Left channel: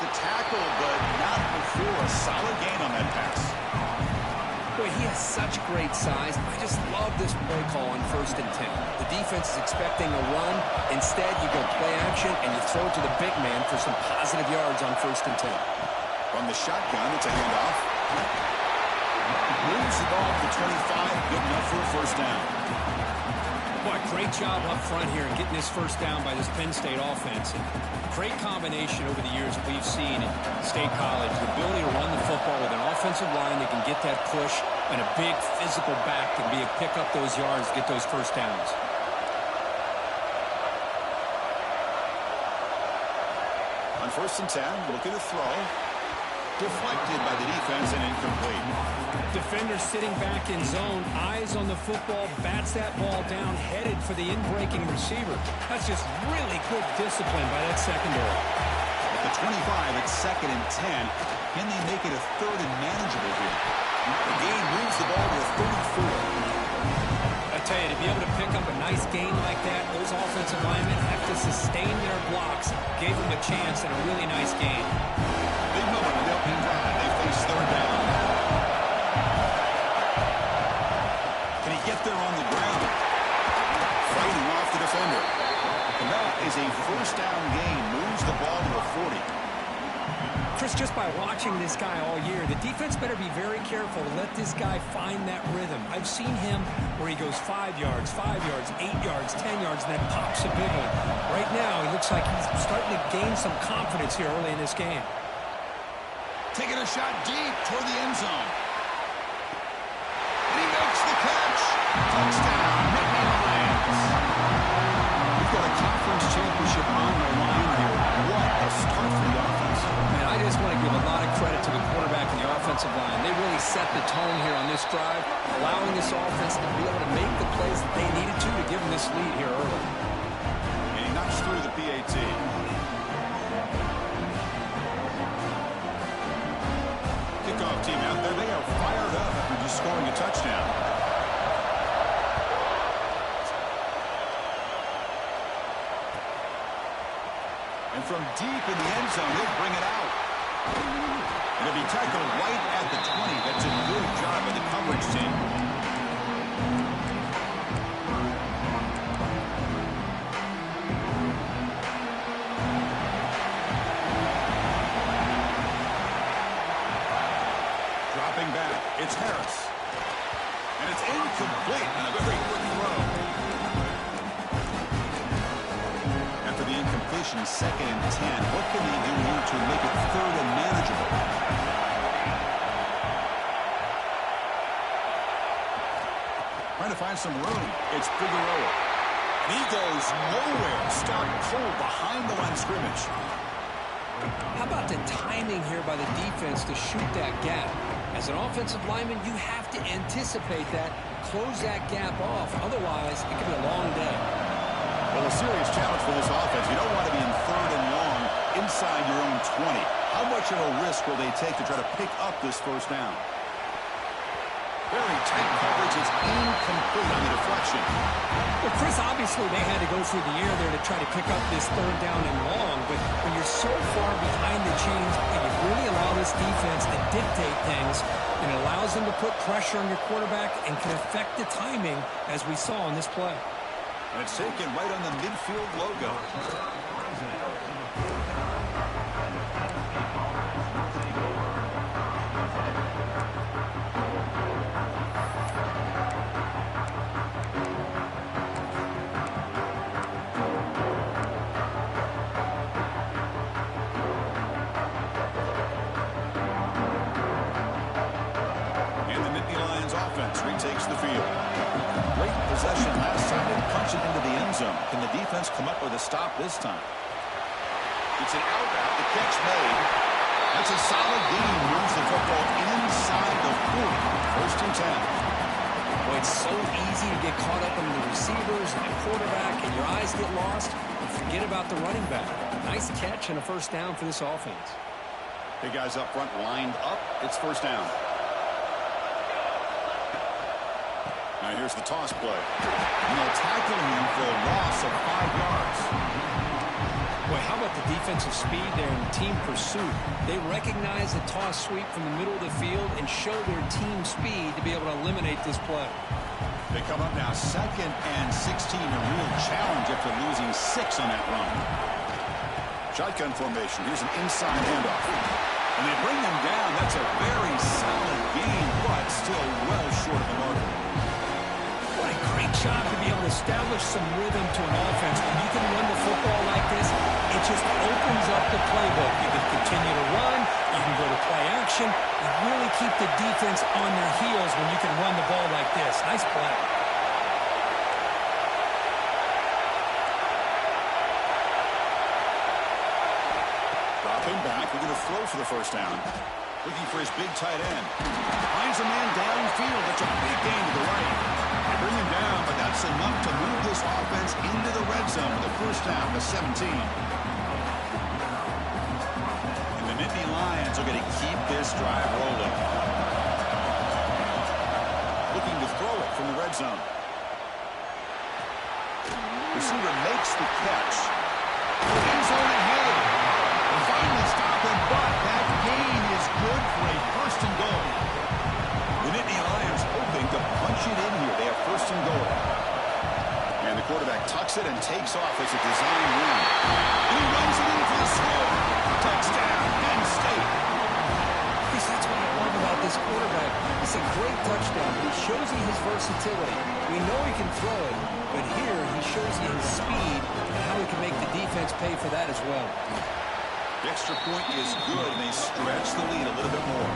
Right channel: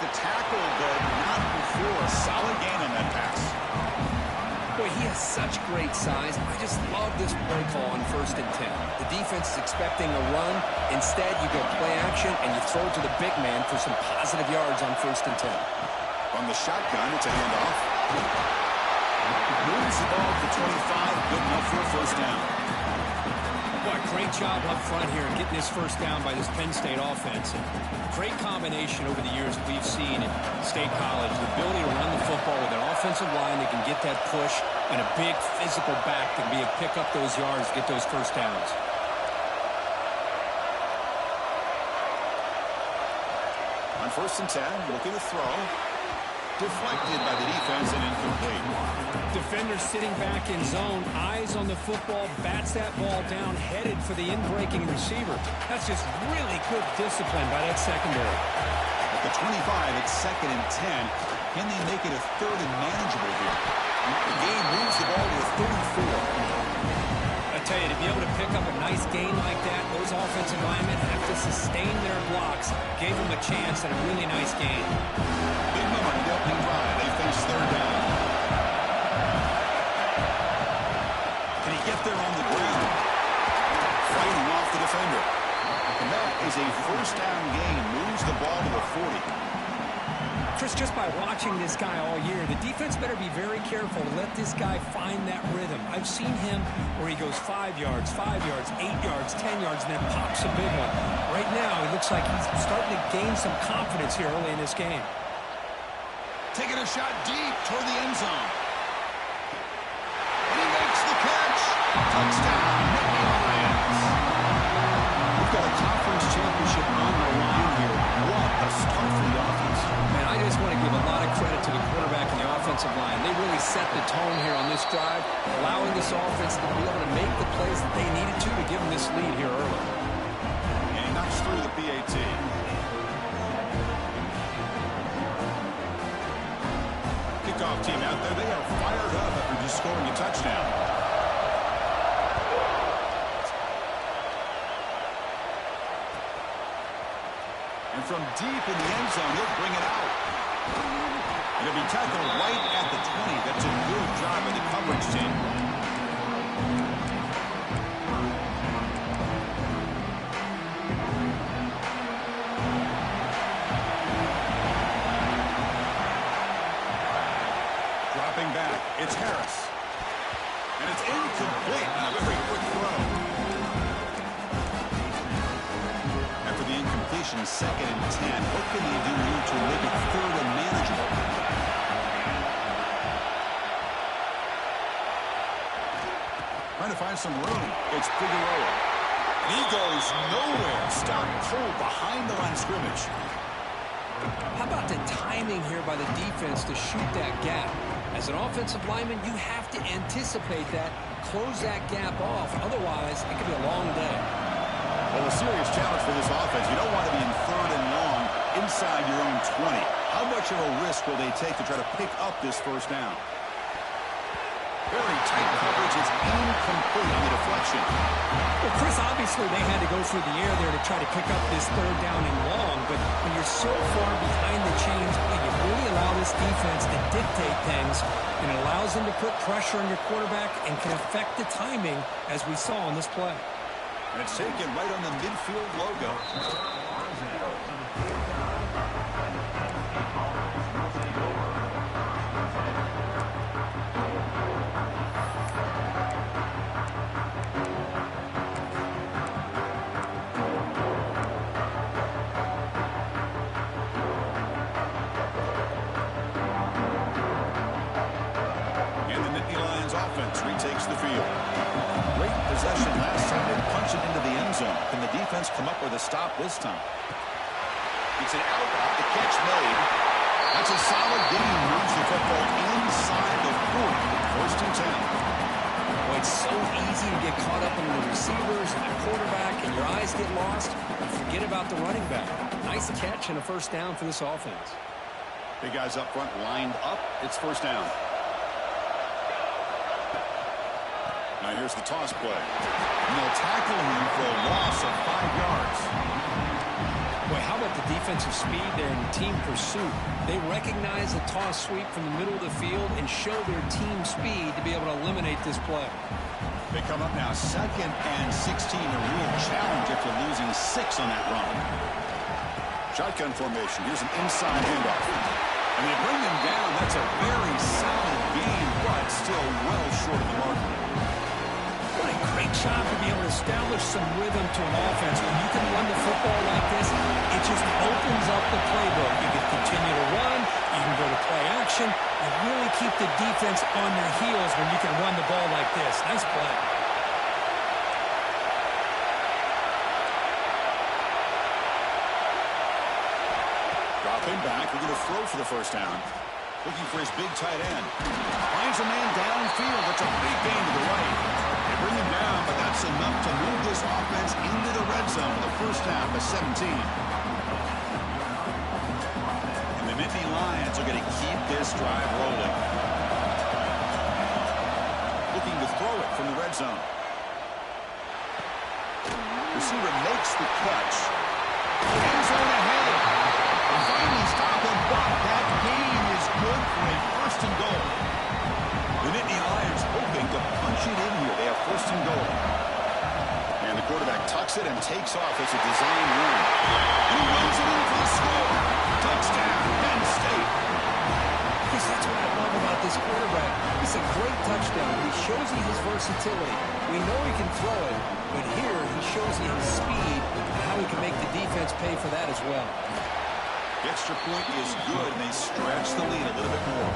the tackle, but not before a solid gain on that pass. Boy, he has such great size. I just love this play call on 1st and 10. The defense is expecting a run. Instead, you go play action, and you throw it to the big man for some positive yards on 1st and 10. From the shotgun, it's a handoff. Moves the ball to the 25. Good enough for a first down. Boy, great job up front here getting this first down by this Penn State offense. And great combination over the years that we've seen in State College. The ability to run the football with an offensive line that can get that push and a big physical back that can be able to pick up those yards, get those first downs. On 1st and 10, looking to throw. Deflected by the defense and incomplete. Defender sitting back in zone, eyes on the football, bats that ball down, headed for the in-breaking receiver. That's just really good discipline by that secondary. At the 25, it's 2nd and 10. Can they make it a 3rd and manageable here? The gain moves the ball to a 34. I tell you, to be able to pick up a nice gain like that, those offensive linemen have to sustain their blocks. Gave them a chance and a really nice gain. Big moment in the opening drive. They face 3rd down. Can he get there on the ground? Fighting off the defender. And that is a first down gain. Moves the ball to the 40. Chris, just by watching this guy all year, the defense better be very careful to let this guy find that rhythm. I've seen him where he goes 5 yards, 8 yards, 10 yards, and then pops a big one. Right now, he looks like he's starting to gain some confidence here early in this game. Taking a shot deep toward the end zone. And he makes the catch. Touchdown, Nittany Lions. We've got a conference championship on the line here. What a start for the offense. Man, I just want to give a lot of credit to the quarterback and the offensive line. They really set the tone here on this drive, allowing this offense to be able to make the plays that they needed to give them this lead here early. And he knocks through the PAT. Kickoff team out there. They are fired up after just scoring a touchdown. And from deep in the end zone, he'll bring it out. It'll be tackled right at the 20. That's a good job by the coverage team. Dropping back, it's Harris. And it's incomplete on a very quick throw. After the incompletion, 2nd and 10. What can they do here to make it 3rd and manageable? Trying to find some room. It's Figueroa. And he goes nowhere. Stop cold behind the line of scrimmage. How about the timing here by the defense to shoot that gap? As an offensive lineman, you have to anticipate that, close that gap off. Otherwise, it could be a long day. Well, a serious challenge for this offense. You don't want to be in 3rd and long inside your own 20. How much of a risk will they take to try to pick up this first down? Very tight coverage. It's incomplete on the deflection. Well, Chris, obviously they had to go through the air there to try to pick up this 3rd down and long, but when you're so far behind the chains, you really allow this defense to dictate things, and it allows them to put pressure on your quarterback and can affect the timing, as we saw on this play. And it's taken right on the midfield logo. And the Nittany Lions offense retakes the field. Great possession last time. They punched it into the end zone. Can the defense come up with a stop this time? It's an out route. The catch made. That's a solid gain. Moves the football inside the 40. 1st and 10. Boy, it's so easy to get caught up in the receivers and the quarterback, and your eyes get lost. You forget about the running back. Nice catch and a first down for this offense. Big guys up front lined up. It's first down. Now here's the toss play. And they'll tackle him for a loss of 5 yards. Boy, how about the defensive speed there and team pursuit? They recognize the toss sweep from the middle of the field and show their team speed to be able to eliminate this play. They come up now 2nd and 16, a real challenge after losing 6 on that run. Shotgun formation. Here's an inside handoff. And they bring them down. That's a very solid game, but still well short of the mark. What a great job to be able to establish some rhythm to an offense. When you can run the football like this, it just opens up the playbook. You can continue to run. You can go to play action. You really keep the defense on their heels when you can run the ball like this. Nice play. Dropping back. We're going to throw for the first down. Looking for his big tight end. Finds a man downfield. That's a big gain to the right. Bring him down, but that's enough to move this offense into the red zone with a first down to 17. And the Nittany Lions are going to keep this drive rolling. Looking to throw it from the red zone. Receiver makes the catch. End zone ahead. And finally stop him, but that gain is good for a first and goal. The Nittany Lions hoping to punch it in here. They have first and goal. And the quarterback tucks it and takes off as a design run. And he runs it in for the score. Touchdown, Penn State. Chris, that's what I love about this quarterback. It's a great touchdown. He shows you his versatility. We know he can throw it, but here he shows you his speed and how he can make the defense pay for that as well. The extra point is good, and they stretch the lead a little bit more.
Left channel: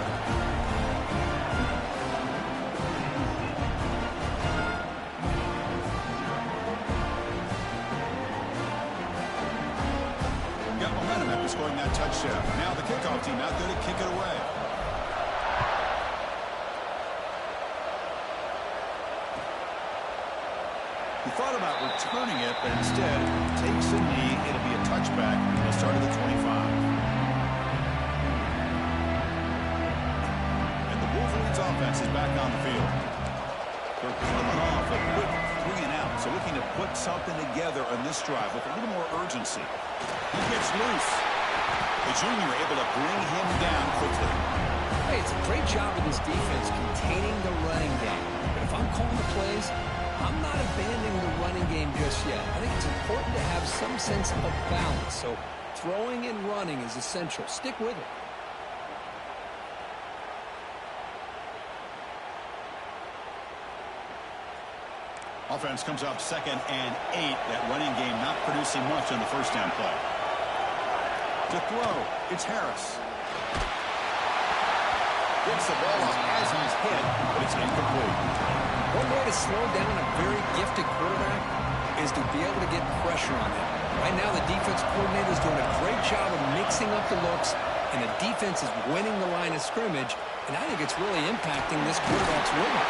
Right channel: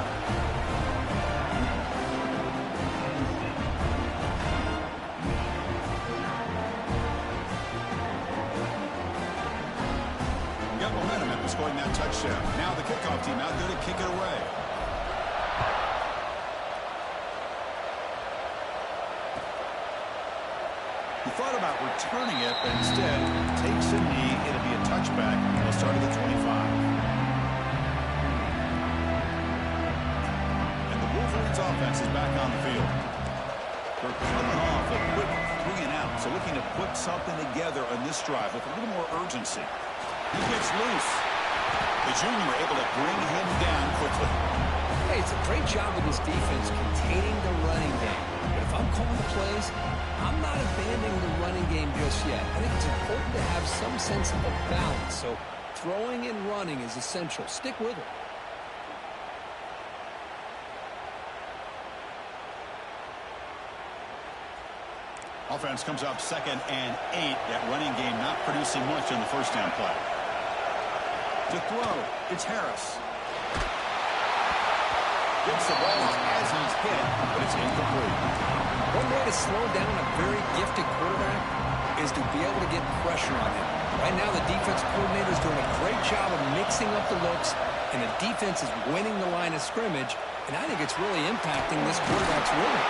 Got momentum after scoring that touchdown. Now the kickoff team out there to kick it away. He thought about returning it, but instead takes a knee. It'll be a touchback. He'll start at the 25. And the Wolverines offense is back on the field. They're coming off a quick 3 and out, so looking to put something together on this drive with a little more urgency. He gets loose. The junior able to bring him down quickly. Hey, it's a great job of this defense containing the running game. But if I'm calling the plays, I'm not abandoning the running game just yet. I think it's important to have some sense of balance. So throwing and running is essential. Stick with it. Offense comes up 2nd and 8. That running game not producing much on the first down play. To throw, it's Harris. Gets the ball up as he's hit, but it's incomplete. One way to slow down a very gifted quarterback is to be able to get pressure on him. Right now, the defense coordinator is doing a great job of mixing up the looks, and the defense is winning the line of scrimmage, and I think it's really impacting this quarterback's rhythm.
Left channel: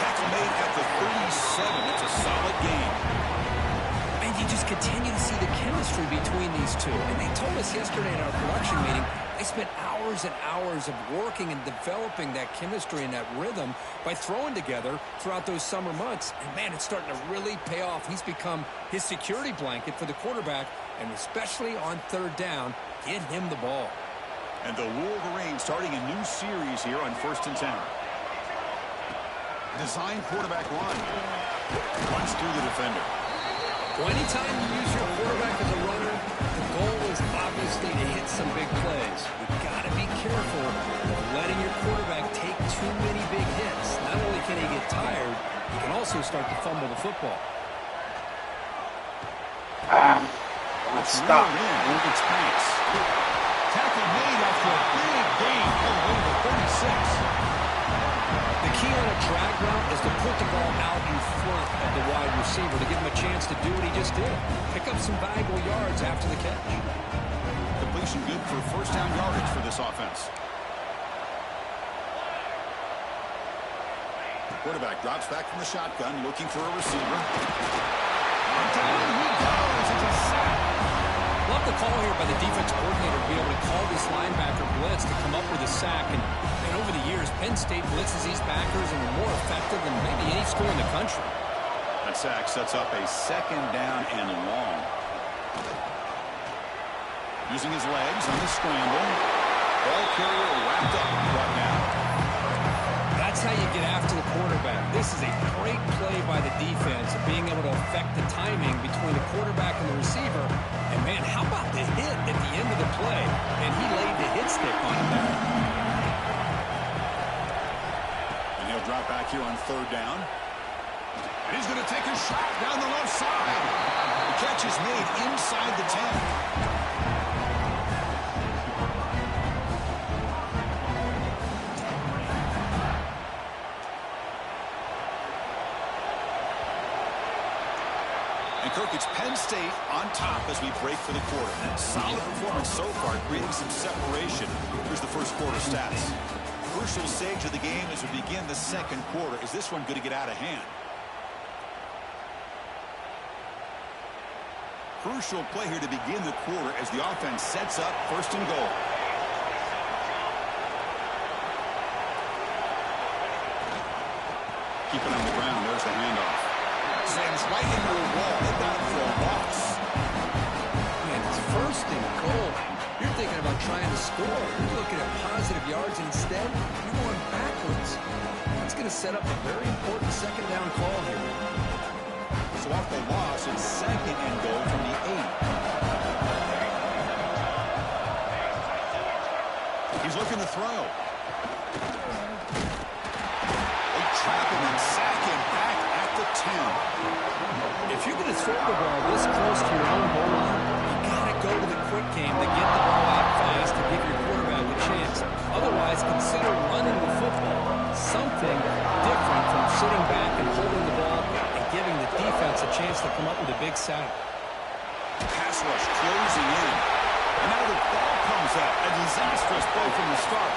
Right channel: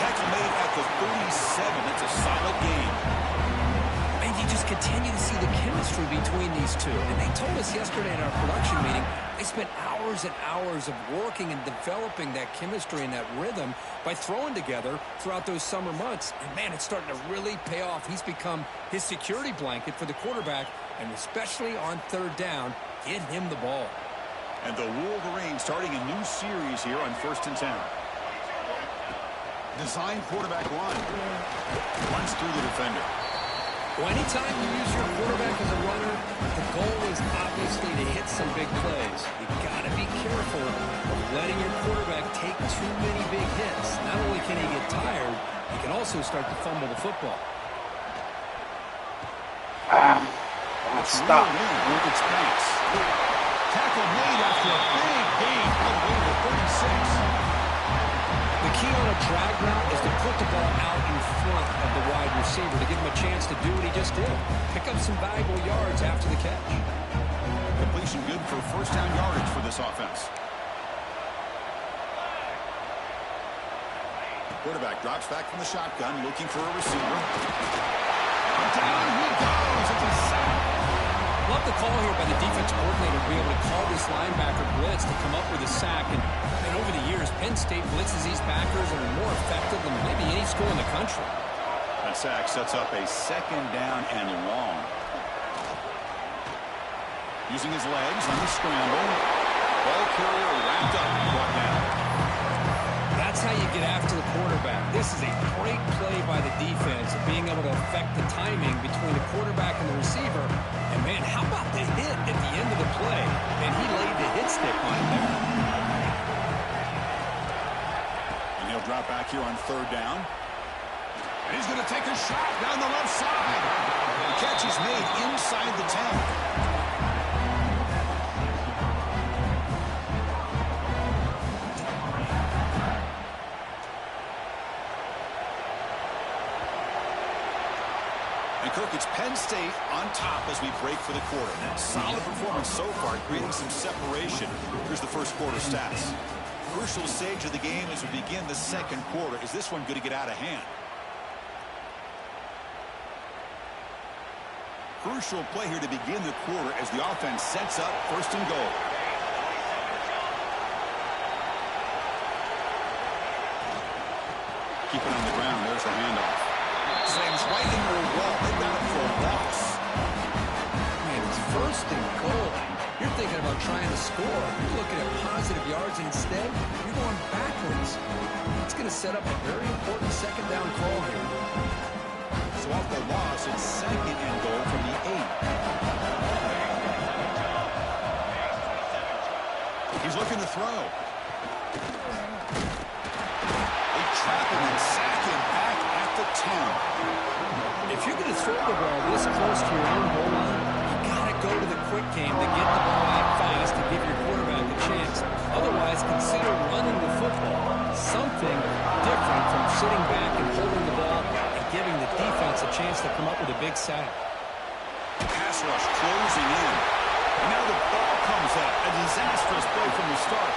Tackle made at the 37. That's a solid game. And you just continue to see the chemistry between these two. And they told us yesterday in our production meeting, they spent hours and hours of working and developing that chemistry and that rhythm by throwing together throughout those summer months. And, man, it's starting to really pay off. He's become his security blanket for the quarterback, and especially on 3rd down, get him the ball. And the Wolverines starting a new series here on 1st and 10. Design quarterback run. Runs through the defender. Well, anytime you use your quarterback as a runner, the goal is obviously to hit some big plays. You got to be careful of letting your quarterback take too many big hits. Not only can he get tired, he can also start to fumble the football. Stop. It's Banks. Tackle made after a big gain all the way to the 36. The key on a drag route is to put the ball out in front of the wide receiver to give him a chance to do what he just did. Pick up some valuable yards after the catch. Completion good for first down yardage for this offense. Quarterback drops back from the shotgun, looking for a receiver. Down he goes. It's a sack. Love the call here by the defense coordinator to be able to call this linebacker blitz to come up with a sack. And over the years, Penn State blitzes these backers and are more effective than maybe any school in the country. That sack sets up a 2nd down and long. Using his legs on the scramble. Ball carrier wrapped up, brought down. That's how you get after the quarterback. This is a great play by the defense of being able to affect the timing between the quarterback and the receiver. And, man, how about the hit at the end of the play? And he laid the hit stick on him there. And he'll drop back here on third down. And he's going to take a shot down the left side. The catch is made inside the 10. And Kirk, it's Penn State on top as we break for the quarter. Solid performance so far, creating some separation. Here's the first quarter stats. Crucial stage of the game as we begin the second quarter. Is this one going to get out of hand? Crucial play here to begin the quarter as the offense sets up first and goal. Keep it on the ground. There's the handoff. Slams right into a wall. They got him for a loss. Man, it's first and goal. You're thinking about trying to score. You're looking at positive yards, and instead, you're going backwards. That's going to set up a very important second down call here. So off the loss, it's second and goal from the 8. He's looking to throw. They trap him and sack him back at the 10. If you're going to throw the ball this close to your own goal line, you got to go to the quick game to get the ball out fast to give your quarterback a chance. Otherwise, consider running the football. Something different from sitting back and holding the ball and giving the defense a chance to come up with a big sack. Pass rush closing in. And now the ball comes out. A disastrous play from the start.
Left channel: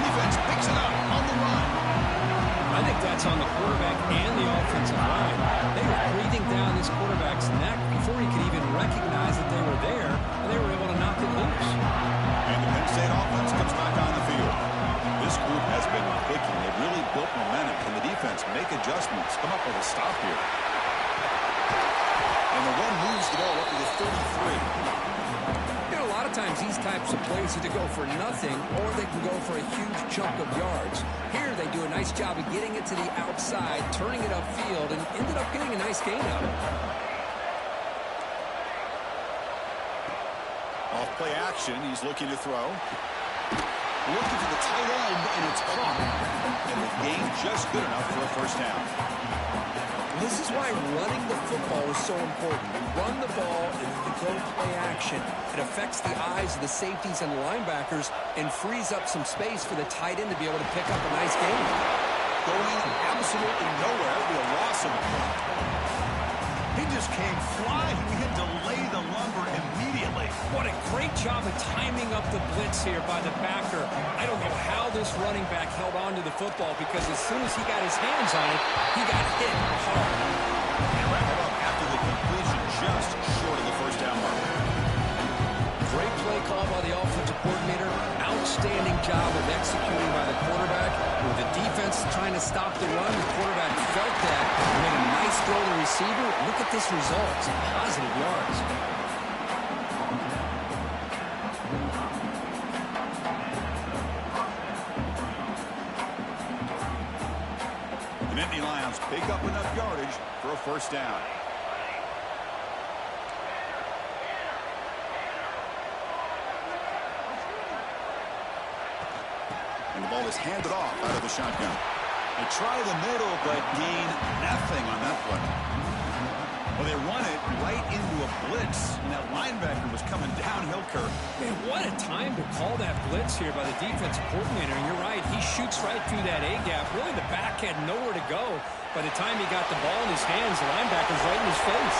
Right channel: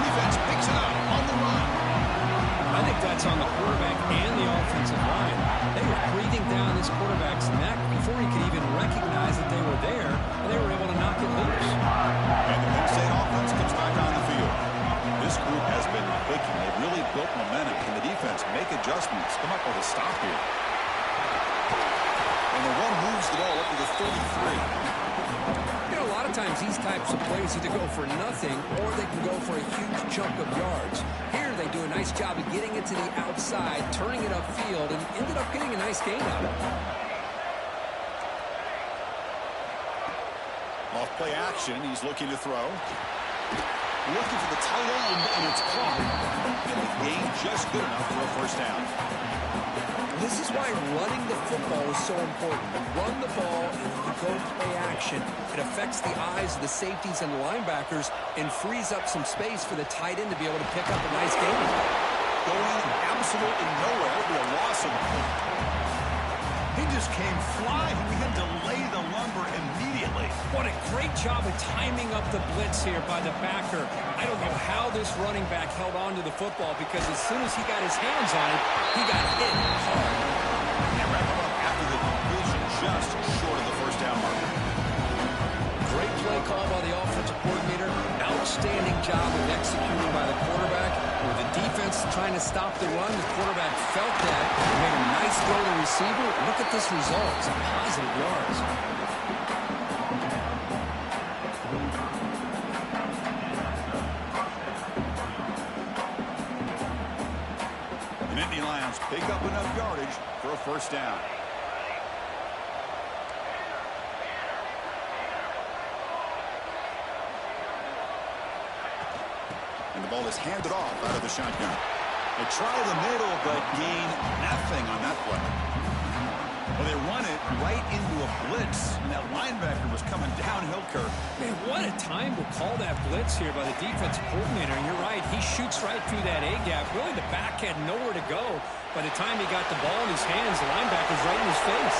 Defense picks it up on the run. I think that's on the quarterback and the offensive line. They were breathing down this quarterback's neck before he could even recognize that they were there, and they were able to knock it loose. And the Penn State offense comes back on the field. This group has been clicking. They've really built momentum. Can the defense make adjustments? Come up with a stop here. And the run moves the ball up to the 33. You know, a lot of times these types of plays either go for nothing or they can go for a huge chunk of yards. Here they do a nice job of getting it to the outside, turning it upfield, and ended up getting a nice gain out of it. Off play action, he's looking to throw. Looking for the tight end, and it's caught. And the gain just good enough for a first down. This is why running the football is so important. You run the ball and you go play action. It affects the eyes of the safeties and linebackers and frees up some space for the tight end to be able to pick up a nice gain. Going absolutely nowhere. It'll be a loss of a point. He just came flying. We had to lay the lumber immediately. What a great job of timing up the blitz here by the backer. I don't know how this running back held on to the football because as soon as he got his hands on it, he got hit hard. And wrap him up after the completion just short of the first down marker. Great play call by the offensive coordinator. Outstanding job of executing by the quarterback. With the defense trying to stop the run, the quarterback felt that. Made a nice throw to the receiver. Look at this result. Some positive yards. The Nittany Lions pick up enough yardage for a first down. And the ball is handed off out of the shotgun. They try the middle, but gain nothing on that play. Well, they run it right into a blitz, and that linebacker was coming downhill, Kirk. Man, what a time to call that blitz here by the defensive coordinator. And you're right, he shoots right through that A-gap. Really, the back had nowhere to go. By the time he got the ball in his hands, the linebacker's right in his face.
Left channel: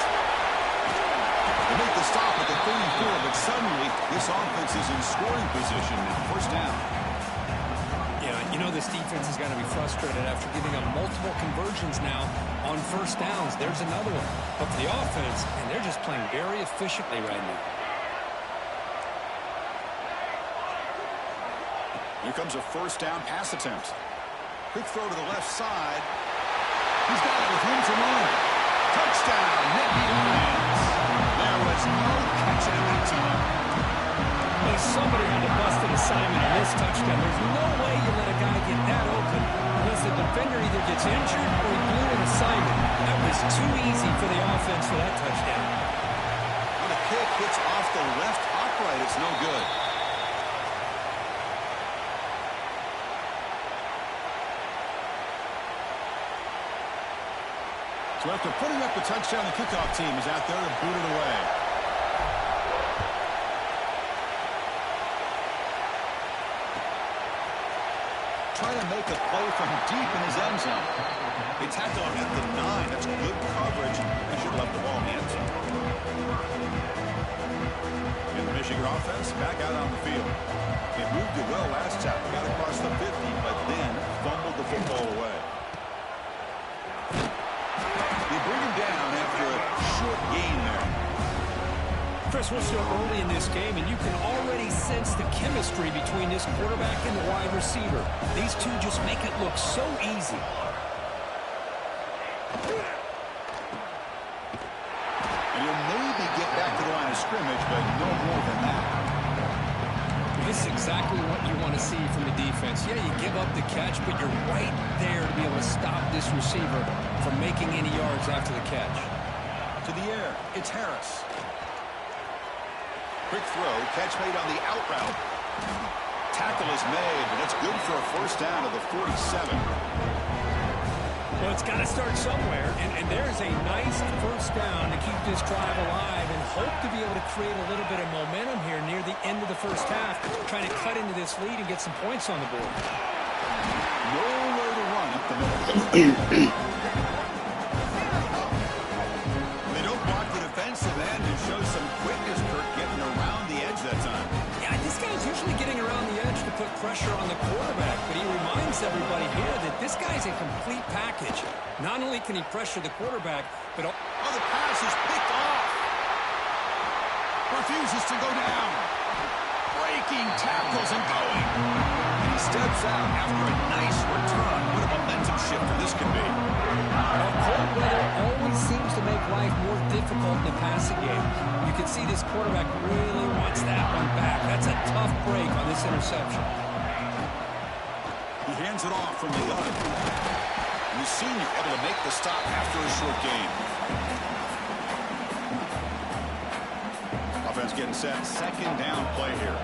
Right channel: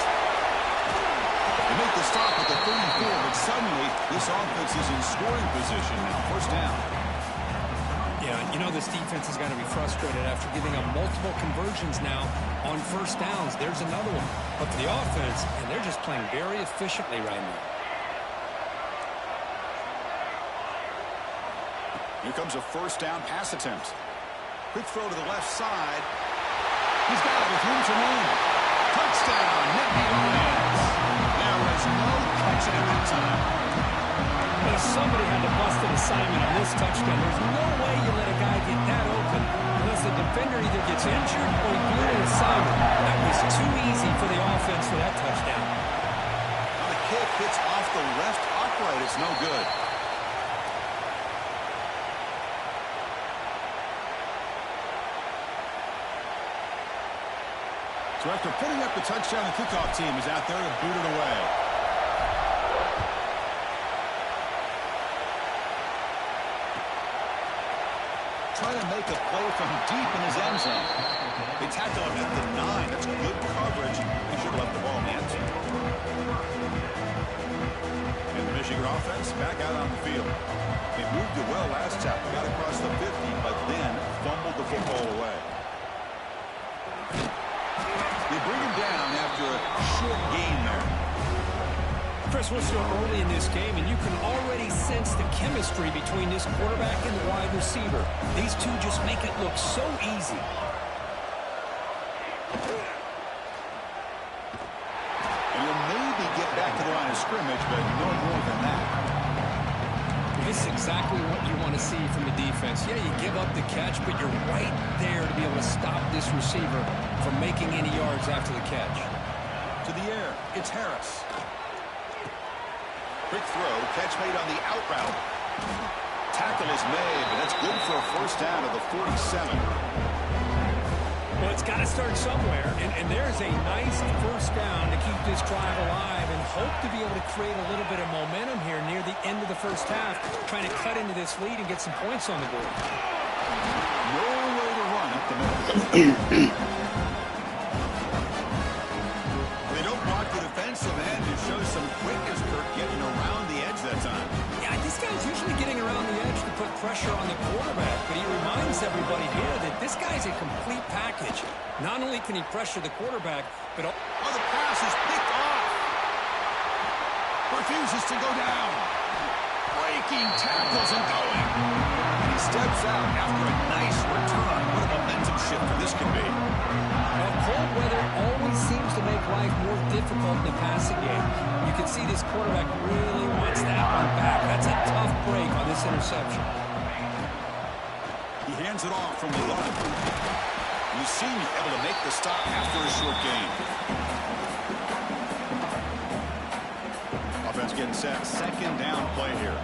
They make the stop at the 34, but suddenly this offense is in scoring position now. First down. Yeah, you know this defense is going to be frustrated after giving up multiple conversions now on first downs. There's another one. But for the offense, and they're just playing very efficiently right now. Here comes a first down pass attempt. Quick throw to the left side. He's got it with room to run. Touchdown, Nittany Lions. There was no catching him that time. Well, somebody had to bust an assignment on this touchdown. There's no way you let a guy get that open unless the defender either gets injured or he blew an assignment. That was too easy for the offense for that touchdown. Well, the kick hits off the left upright. It's no good. So after putting up the touchdown, the kickoff team is out there to boot it away. Try to make a play from deep in his end zone. They tackle him at the 9. That's good coverage. They should have left the ball in the end zone. And the Michigan offense back out on the field. They moved it well last time. Got across the 50, but then fumbled the football away. They bring him down after a short gain there. Chris, we're still early in this game, and you can already sense the chemistry between this quarterback and the wide receiver. These two just make it look so easy. And he'll maybe get back to the line of scrimmage, but no more than that. This is exactly what you want to see from the defense. Yeah, you give up the catch, but you're right there to be able to stop this receiver from making any yards after the catch. To the air, it's Harris. Quick throw, catch made on the out route. Tackle is made, but that's good for a first down of the 47. Well, it's got to start somewhere, and there's a nice first down to keep this drive alive and hope to be able to create a little bit of momentum here near the end of the first half, trying to cut into this lead and get some points on the board. Nowhere to run up the middle. They don't block the defensive end and show some quickness, Kirk, getting around the edge that time. Yeah, this guy's usually getting around the edge to put pressure on the quarterback, but he reminds everybody here that this guy's a complete package. Not only can he pressure the quarterback, but... Oh, the pass is picked off. Refuses to go down. Breaking tackles and going. And he steps out after a nice return. What a momentum shifter this can be. Well, cold weather always seems to make life more difficult in the passing game. You can see this quarterback really wants that one back. That's a tough break on this interception. He hands it off from the gun. The senior able to make the stop after a short gain. Offense getting set. Second down play here.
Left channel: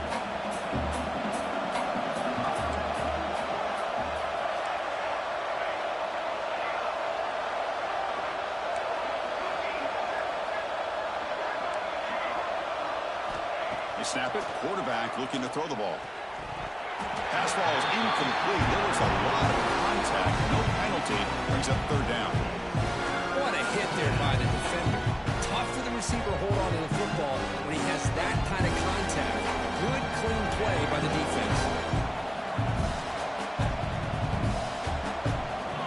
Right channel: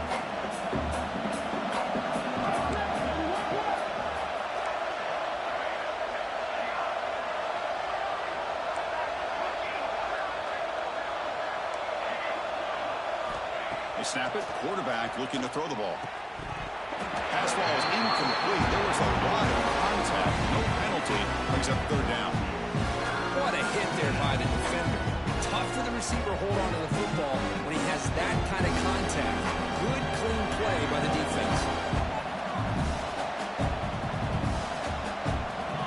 They snap it. Quarterback looking to throw the ball. Pass ball is incomplete. There was a lot of contact. No penalty. Brings up third down. What a hit there by the defender. Tough for the receiver to hold on to the football when he has that kind of contact. Good, clean play by the defense.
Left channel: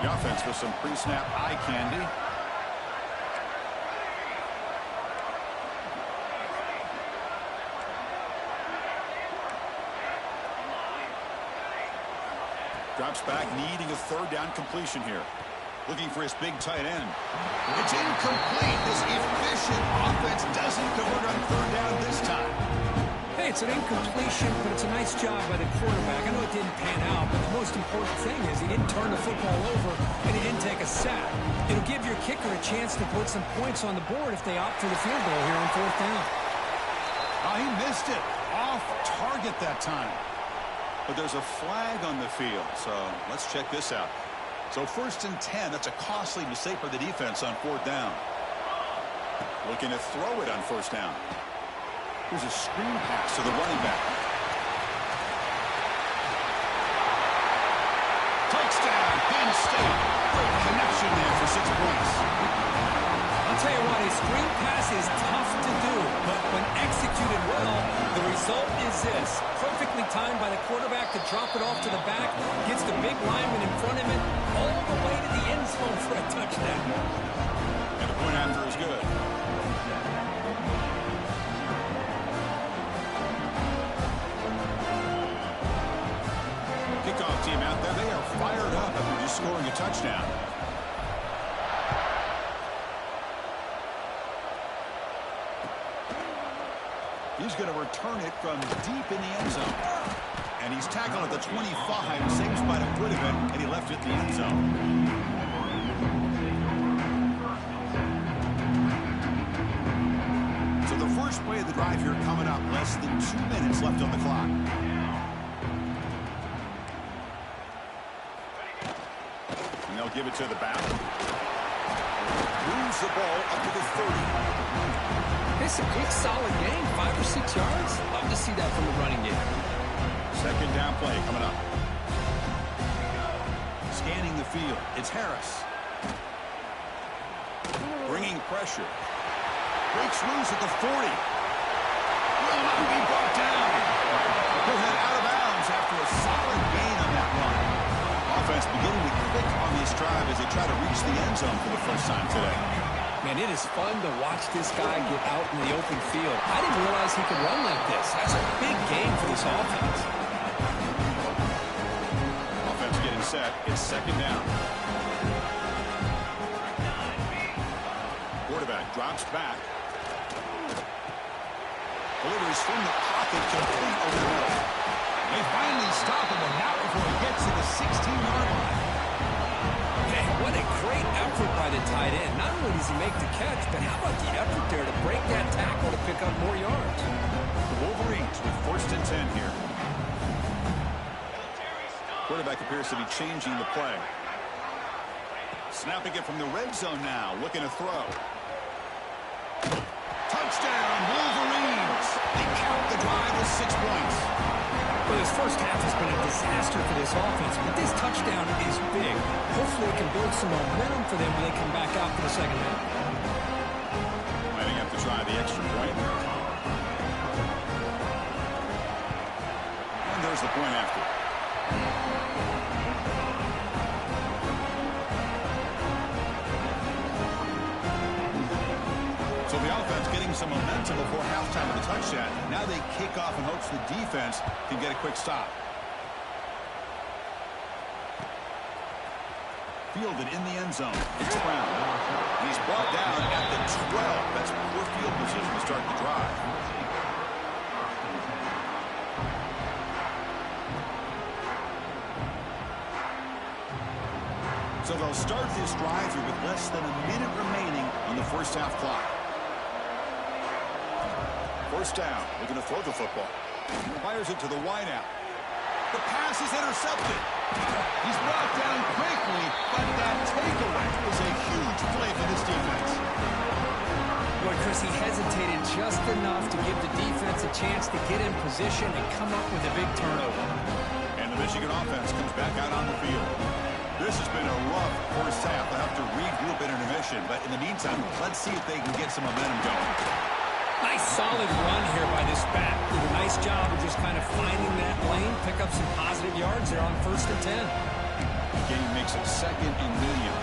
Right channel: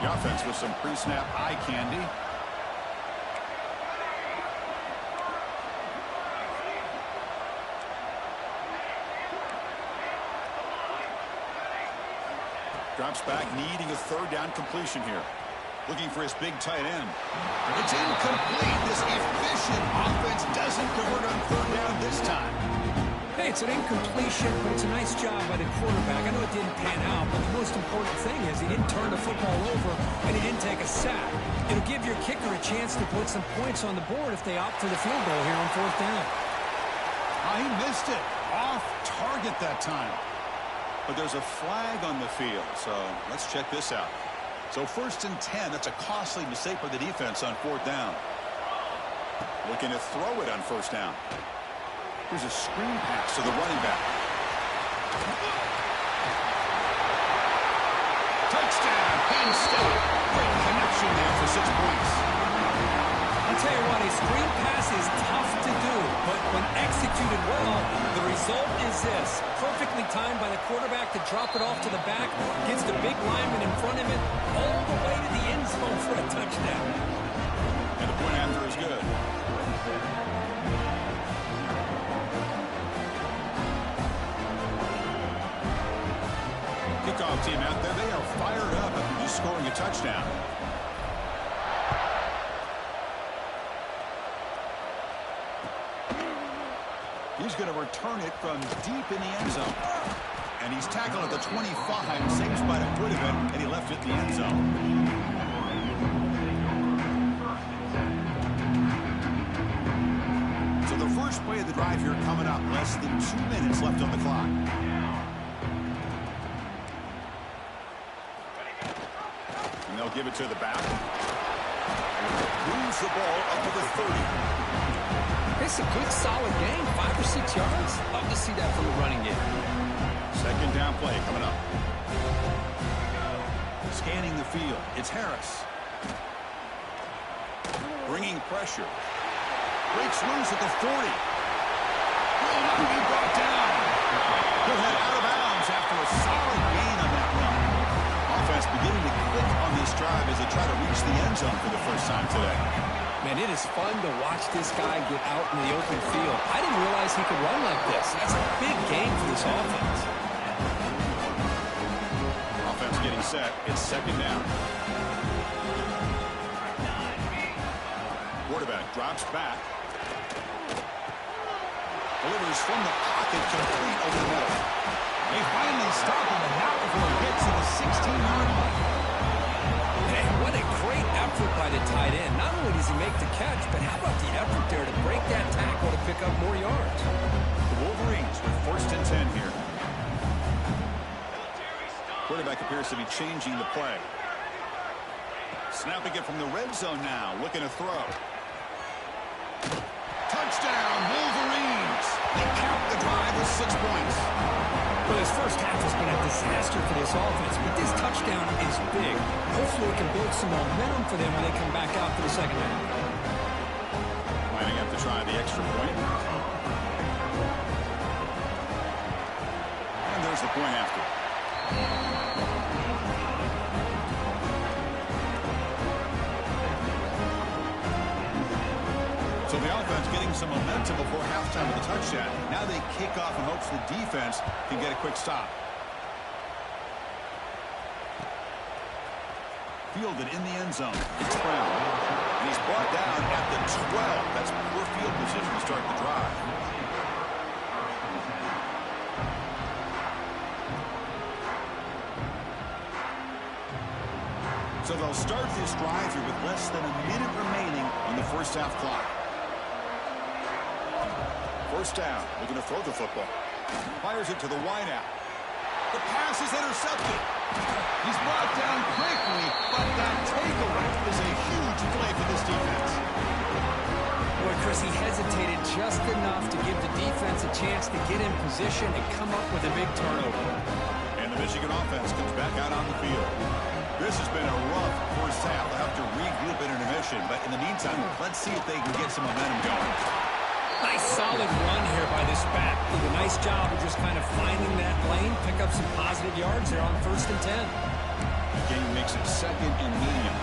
The offense with some pre-snap eye candy. Drops back, needing a third down completion here. Looking for his big tight end. It's incomplete. This efficient offense doesn't convert on third down this time. Hey, it's an incompletion, but it's a nice job by the quarterback. I know it didn't pan out, but the most important thing is he didn't turn the football over and he didn't take a sack. It'll give your kicker a chance to put some points on the board if they opt for the field goal here on fourth down. He missed it. Off target that time. But there's a flag on the field, so let's check this out. So 1st and 10, that's a costly mistake by the defense on fourth down. Looking to throw it on first down. Here's a screen pass to the running back. Touchdown, Penn State. Great connection there for 6 points. I'll tell you what, a screen pass is tough to do, but when executed well, the result is this. Perfectly timed by the quarterback to drop it off to the back, gets the big lineman in front of him, all the way to the end zone for a touchdown. And the point after is good. Kickoff team out there, they are fired up after just scoring a touchdown. He's going to return it from deep in the end zone. And he's tackled at the 25, same spot it would have been, and he left it in the end zone. So the first play of the drive here coming up, less than 2 minutes left on the clock. And they'll give it to the back. Moves the ball up to the 30. It's a good, solid game. 5 or 6 yards. Love to see that from the running game. Second down play coming up. Scanning the field. It's Harris. Bringing pressure. Breaks loose at the 40. Will not be brought down. He'll head out of bounds after a solid gain on that run. Offense beginning to click on this drive as they try to reach the end zone for the first time today. Man, it is fun to watch this guy get out in the open field. I didn't realize he could run like this. That's a big game for this offense. Offense getting set. It's second down. Quarterback drops back. Delivers from the pocket, complete over the middle. They finally stop him, and not before he gets to the 16-yard line. Man, what a great effort by the tight end. Not only does he make the catch, but how about the effort there to break that tackle to pick up more yards? The Wolverines with first and 10 here. Quarterback appears to be changing the play. Snapping it from the red zone now, looking to throw. Touchdown, Wolverines! They cap the drive with 6 points. Well, this first half has been a disaster for this offense, but this touchdown is big. Hopefully it can build some momentum for them when they come back out for the second half. Might have to try the extra point. And there's the point after. So the offense getting some momentum before halftime of the touchdown. Now they kick off in hopes the defense can get a quick stop. Fielded in the end zone. It's Brown. And he's brought down at the 12. That's poor field position to start the drive. So they'll start this drive here with less than a minute remaining on the first half clock. First down, looking to throw the football. Fires it to the wideout. The pass is intercepted. He's brought down quickly, but that takeaway is a huge play for this defense. Boy, Chris, he hesitated just enough to give the defense a chance to get in position and come up with a big turnover. And the Michigan offense comes back out on the field. This has been a rough first half. They'll have to regroup at intermission, but in the meantime, let's see if they can get some momentum going. Nice solid run here by this back. Did a nice job of just kind of finding that lane, pick up some positive yards there on first and 10. The game makes it second and medium.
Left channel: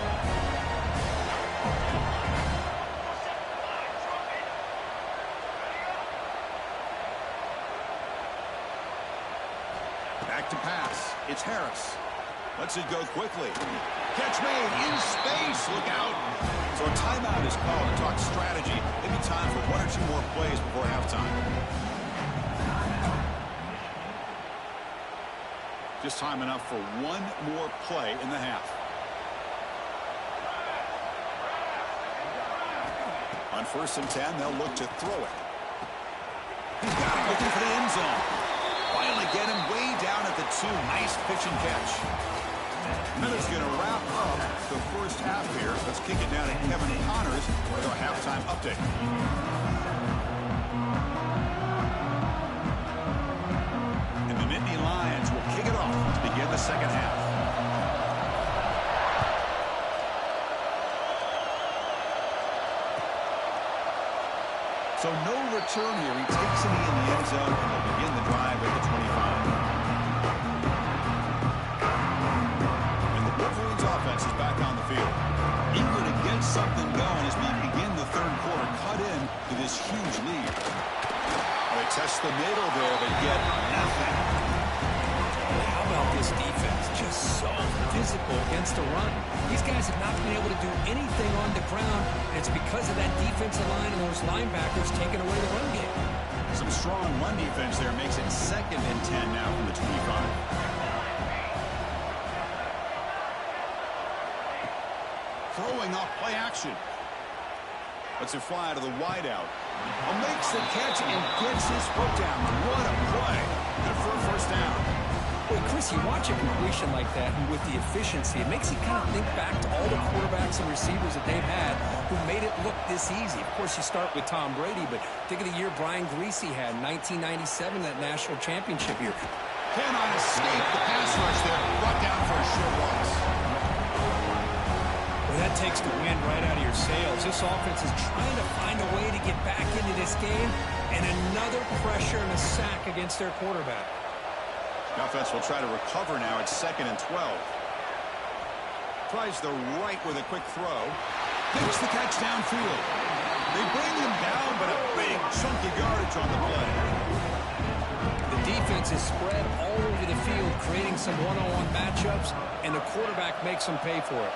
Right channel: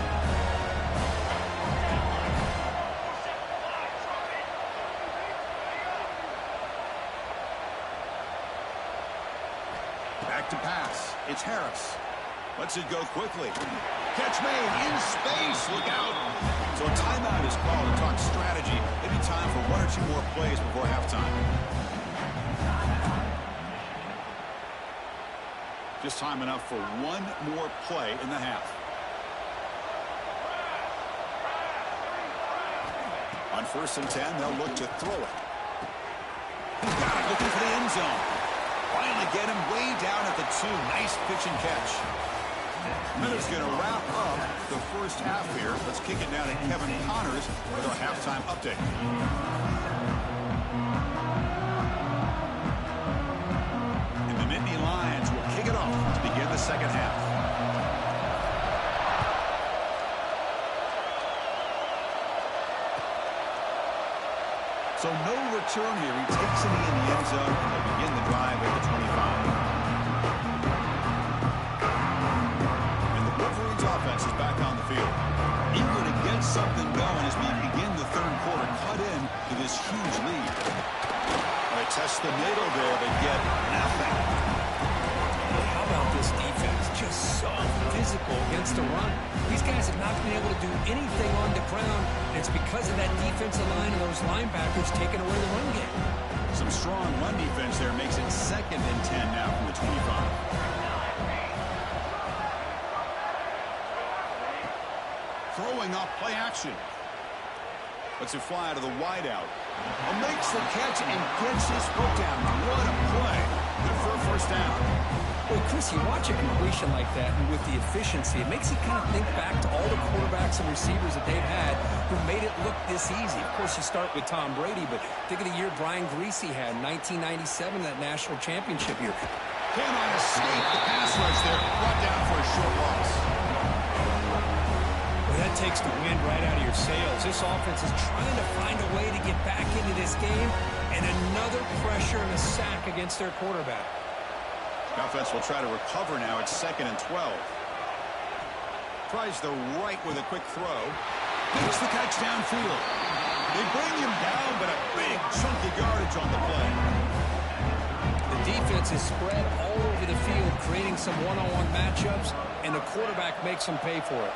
Back to pass. It's Harris. Lets it go quickly. Catch made in space. Look out. So a timeout is called to talk strategy. Maybe time for 1 or 2 more plays before halftime. Just time enough for 1 more play in the half. On first and 10, they'll look to throw it. He's got it, looking for the end zone. Finally get him way down at the 2. Nice pitch and catch. Miller's going to wrap up the first half here. Let's kick it down to Kevin Connors with our halftime update. And the Nittany Lions will kick it off to begin the second half. So no return here. He takes it in the end zone, and they'll begin the drive at the 25. Offense is back on the field. Eager to get something going as we begin the third quarter. Cut in to this huge lead. They test the middle there, but get nothing. How about this defense? Just so physical against the run. These guys have not been able to do anything on the ground, and it's because of that defensive line and those linebackers taking away the run game. Some strong run defense there makes it 2nd and 10 now from the 25. Throwing off play action. Lets it fly to the wideout. Makes the catch and gets his foot down. What a play. Good for a first down. Well, Chris, you watch a completion like that, and with the efficiency, it makes you kind of think back to all the quarterbacks and receivers that they've had who made it look this easy. Of course, you start with Tom Brady, but think of the year Brian Greasy had in 1997, that national championship year. Cannot escape the pass rush there. Brought down for a short loss. Well, that takes the wind right out of your sails. This offense is trying to find a way to get back into this game, and another pressure and a sack against their quarterback. The offense will try to recover now. It's 2nd and 12. Tries the right with a quick throw. Makes the catch downfield. They bring him down, but a big chunky yardage on the play. The defense is spread all over the field, creating some one-on-one matchups, and the quarterback makes them pay for it.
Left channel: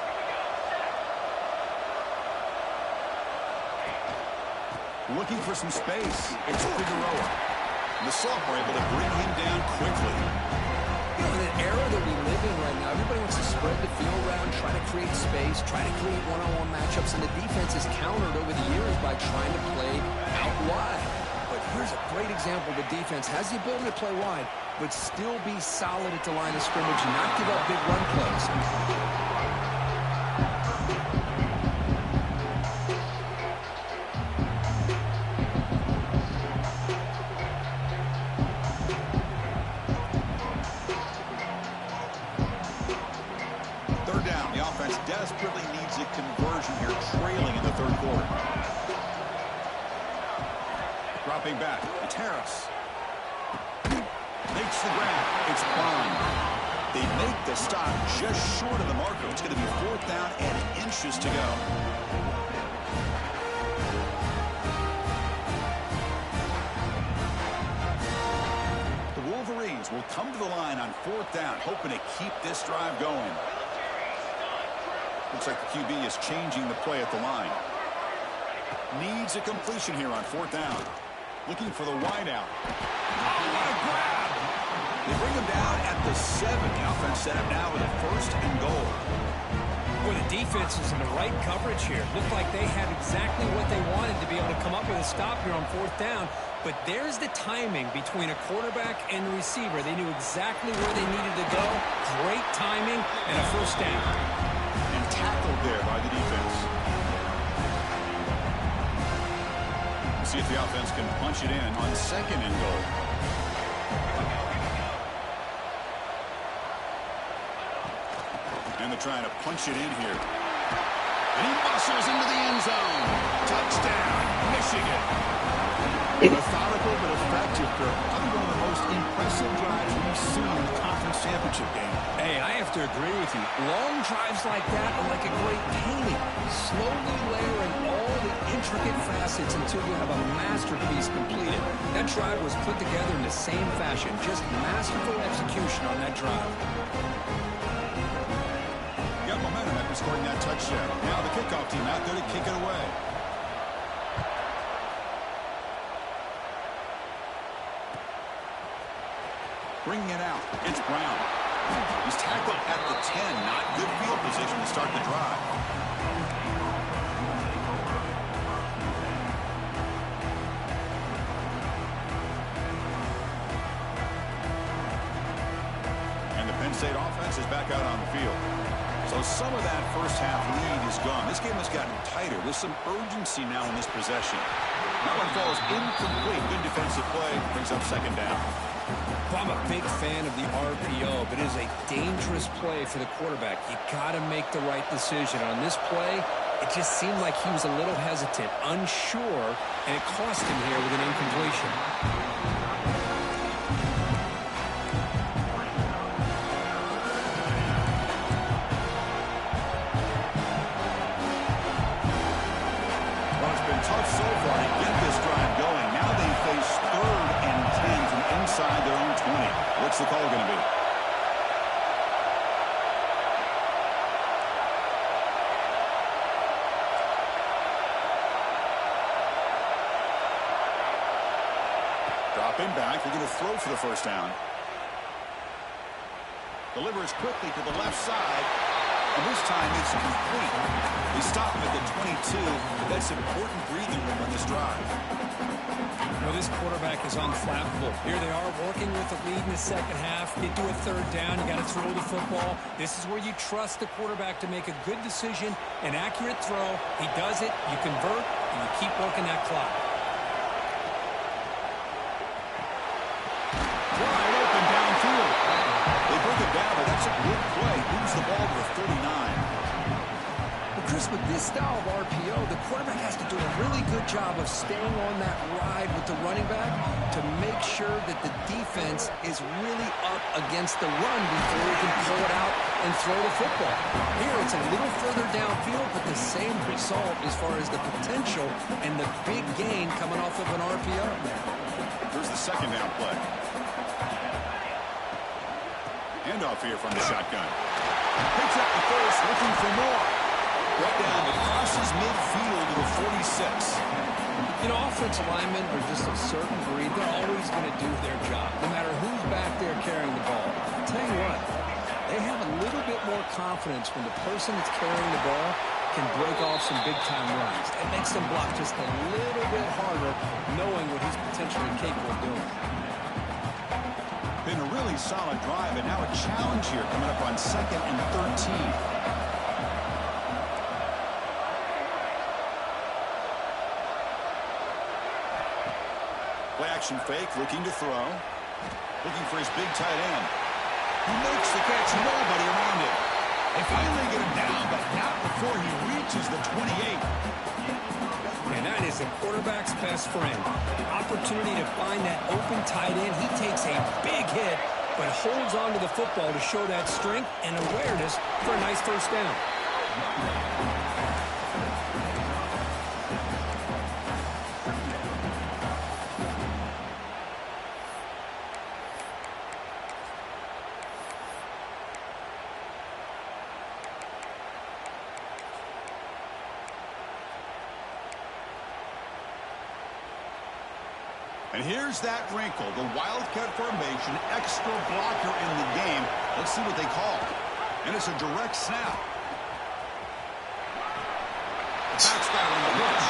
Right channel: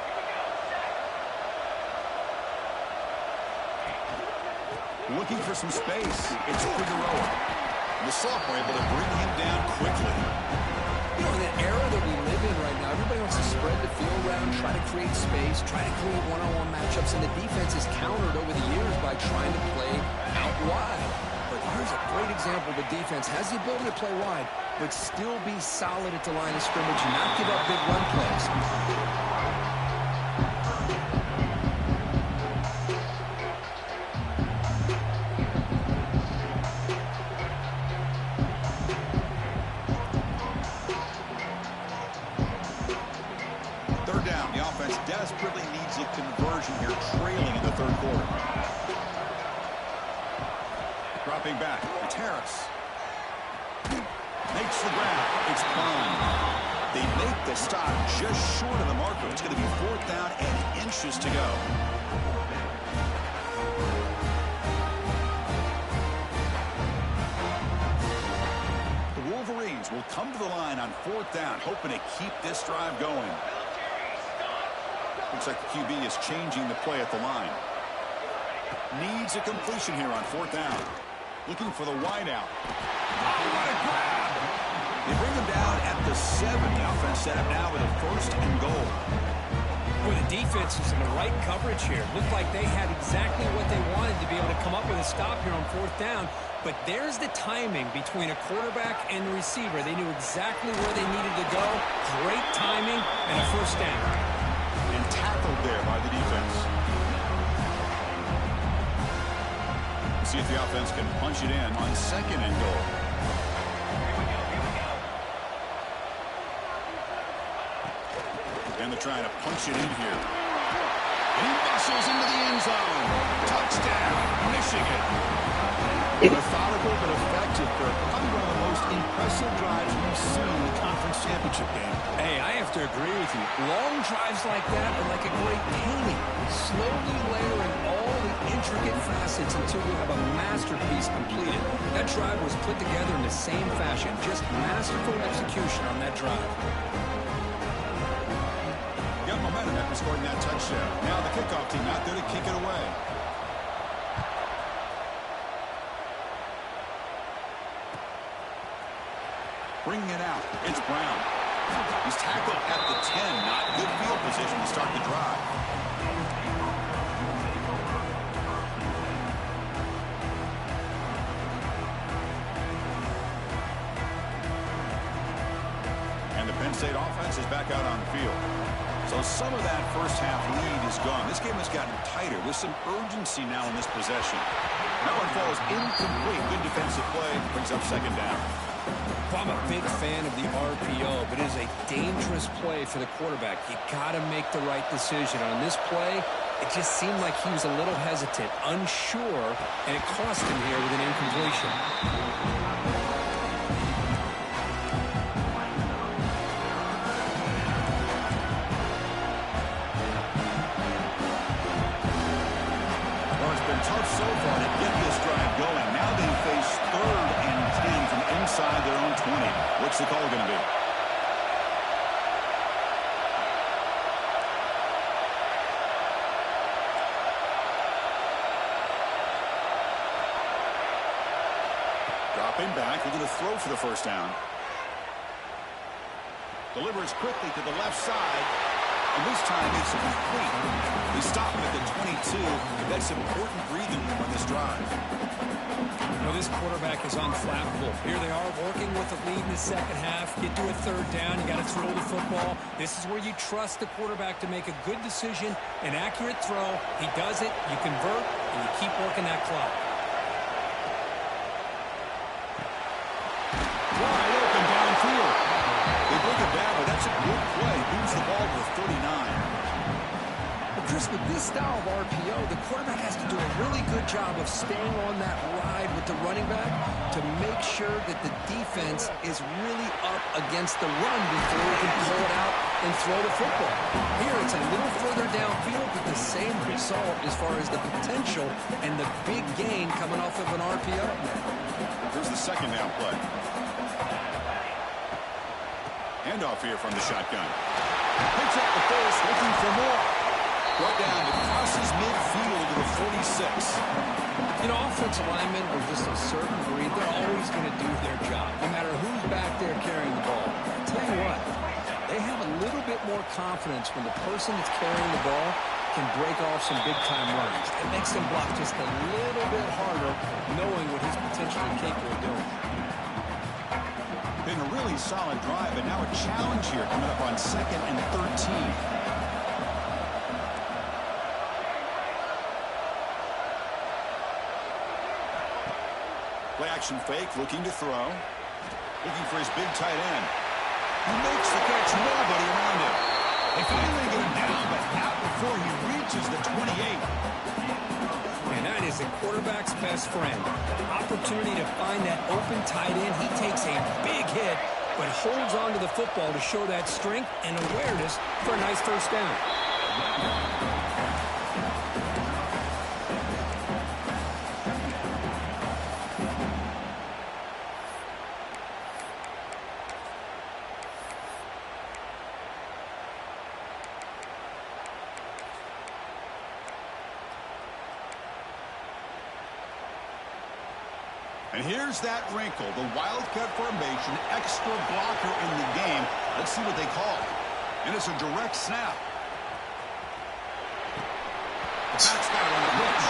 Looking for some space. It's Figueroa. The sophomore able to bring him down quickly. You know, in an era that we live in right now, everybody wants to spread the field around, try to create space, try to create one-on-one matchups, and the defense is countered over the years by trying to play out wide. But here's a great example. The defense has the ability to play wide, but still be solid at the line of scrimmage, not give up big run plays. Desperately needs a conversion here, trailing in the 3rd quarter. Dropping back, it's Harris. Makes the grab. It's Bond. They make the stop just short of the marker. It's going to be 4th down and inches to go. The Wolverines will come to the line on 4th down, hoping to keep this drive going. Looks like the QB is changing the play at the line. Needs a completion here on 4th down. Looking for the wideout. Oh, what a grab! They bring him down at the 7. The offense set up now with a 1st and goal. Boy, the defense is in the right coverage here. Looked like they had exactly what they wanted to be able to come up with a stop here on 4th down. But there's the timing between a quarterback and the receiver. They knew exactly where they needed to go. Great timing and a 1st down. And tackled there by the defense. We'll see if the offense can punch it in on 2nd and goal. And they're trying to punch it in here. And he bustles into the end zone. Touchdown, Michigan. Methodical but effective, Kirk. Probably one of the most impressive drives we've seen in the conference championship game. Hey, I have to agree with you. Long drives like that are like a great painting. Slowly layering all the intricate facets until you have a masterpiece completed. That drive was put together in the same fashion. Just masterful execution on that drive. Got momentum after scoring that touchdown. Now the kickoff team out there to kick it away. Bringing it out. It's Brown. He's tackled at the 10. Not good field position to start the drive. And the Penn State offense is back out on the field. So some of that first half lead is gone. This game has gotten tighter with some urgency now in this possession. That one falls incomplete. Good defensive play. Brings up 2nd down. Well, I'm a big fan of the RPO, but it is a dangerous play for the quarterback. You got to make the right decision. On this play, it just seemed like he was a little hesitant, unsure, and it cost him here with an incompletion. Well, it's been tough so far to get this drive going. Now they face 3rd and 10 from inside their own 20. What's the call going to be? Dropping back, looking to throw for the first down. Delivers quickly to the left side, and this time it's complete. They stop him at the 22, but that's important breathing room on this drive. You know, this quarterback is unflappable. Here they are working with the lead in the second half. Get to a third down, you got to throw the football. This is where you trust the quarterback to make a good decision, an accurate throw. He does it, you convert, and you keep working that clock. Wide open downfield. They bring it down, but that's a good play. Moves the ball to the 39. Well, Chris, with this style of RPO, the quarterback has to do a really good job of staying on that ride with the running back to make sure that the defense is really up against the run before he can pull it out and throw the football. Here, it's a little further downfield, but the same result as far as the potential and the big gain coming off of an RPO. Here's the second down play. Handoff here from the shotgun. Picks up the first, looking for more. Brought down, it crosses midfield to the 46. You know, offensive linemen are just a certain breed. They're always going to do their job, no matter who's back there carrying the ball. I'll tell you what, they have a little bit more confidence when the person that's carrying the ball can break off some big-time runs. It makes them block just a little bit harder, knowing what he's potentially capable of doing. Been a really solid drive, and now a challenge here coming up on 2nd and 13. Play action fake, looking to throw. Looking for his big tight end. He makes the catch, nobody around him. They finally get him down, but not before he reaches the 28. And that is a quarterback's best friend. Opportunity to find that open tight end. He takes a big hit, but holds on to the football to show that strength and awareness for a nice first down. And here's that wrinkle, the wildcat formation, extra blocker in the game. Let's see what they call. And it's a direct snap. The back's got it on the push.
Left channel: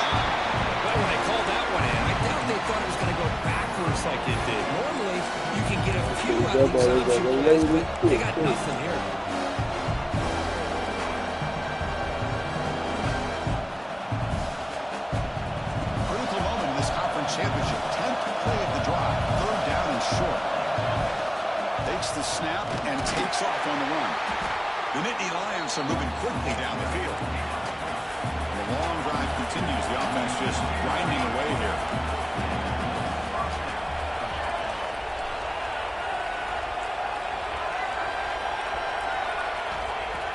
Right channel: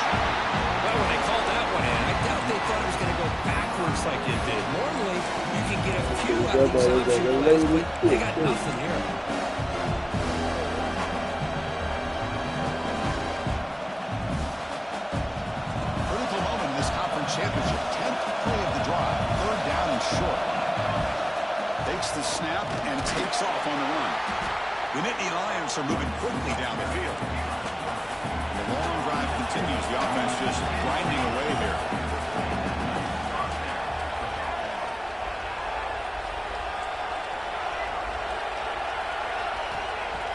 Well, when they called that one in, I doubt they thought it was going to go backwards like it did. Normally, you can get a few out of these option plays, but they got nothing here. Championship, 10th play of the drive, 3rd down and short. Takes the snap and takes off on the run. The Nittany Lions are moving quickly down the field. And the long drive continues. The offense just grinding away here.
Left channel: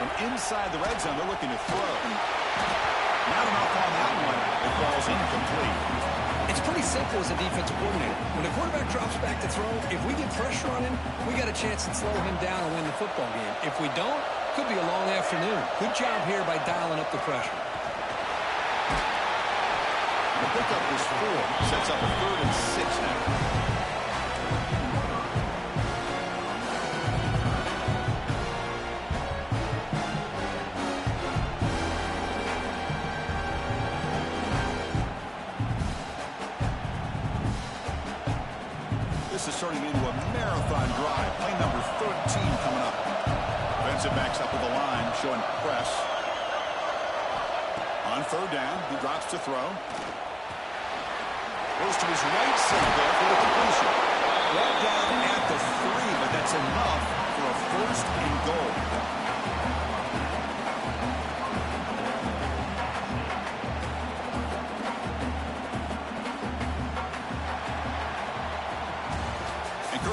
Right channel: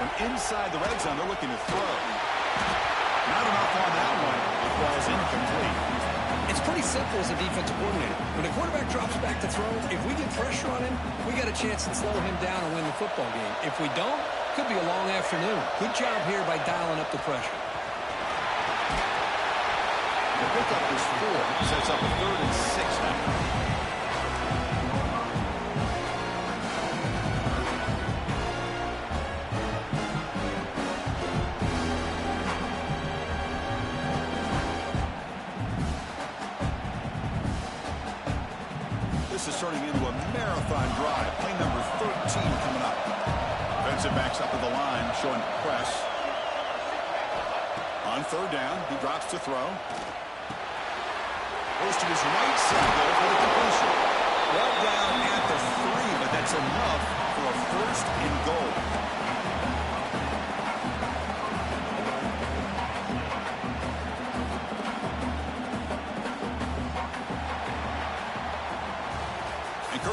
From inside the red zone, they're looking to throw. Not enough on that one. It falls incomplete. It's pretty simple as a defensive coordinator. When the quarterback drops back to throw, if we get pressure on him, we got a chance to slow him down and win the football game. If we don't, could be a long afternoon. Good job here by dialing up the pressure. The pickup is 4. Sets up a 3rd and 6 now. This is turning into a marathon drive. Play number 13 coming up. Defensive backs up at the line, showing press. On 3rd down, he drops to throw. Goes to his right side there for the completion. Well down at the 3, but that's enough for a 1st and goal.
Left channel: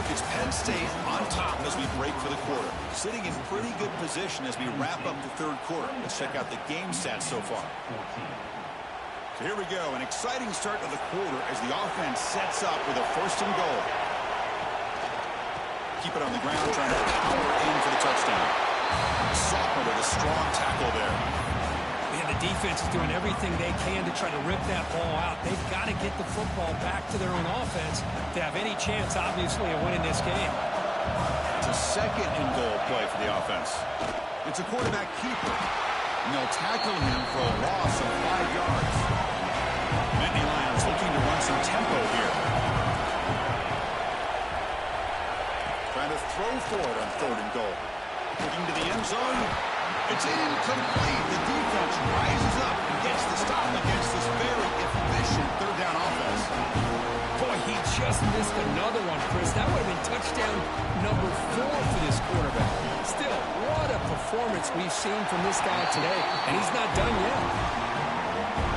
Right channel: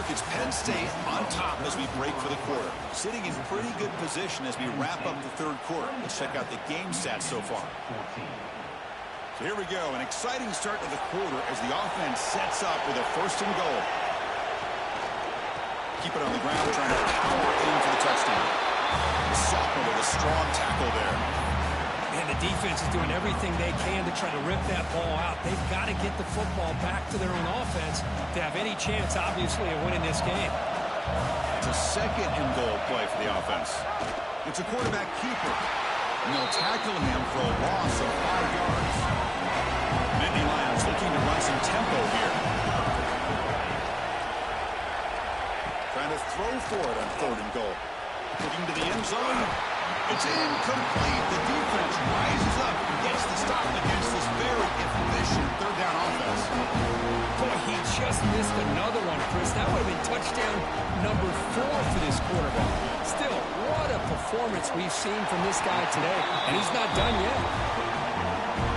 It's Penn State on top as we break for the quarter. Sitting in pretty good position as we wrap up the 3rd quarter. Let's check out the game stats so far. So here we go. An exciting start to the quarter as the offense sets up with a 1st and goal. Keep it on the ground, trying to power in for the touchdown. The sophomore with a strong tackle there. And the The defense is doing everything they can to try to rip that ball out. They've got to get the football back to their own offense to have any chance, obviously, of winning this game. It's a second and goal play for the offense. It's a quarterback keeper. And they'll tackle him for a loss of 5 yards. Nittany Lions looking to run some tempo here. Trying to throw for it on 3rd and goal. Looking to the end zone. It's incomplete. The defense rises up and gets the stop against this very efficient 3rd down offense. Boy, he just missed another one, Chris. That would have been touchdown number 4 for this quarterback. Still, what a performance we've seen from this guy today, and he's not done yet.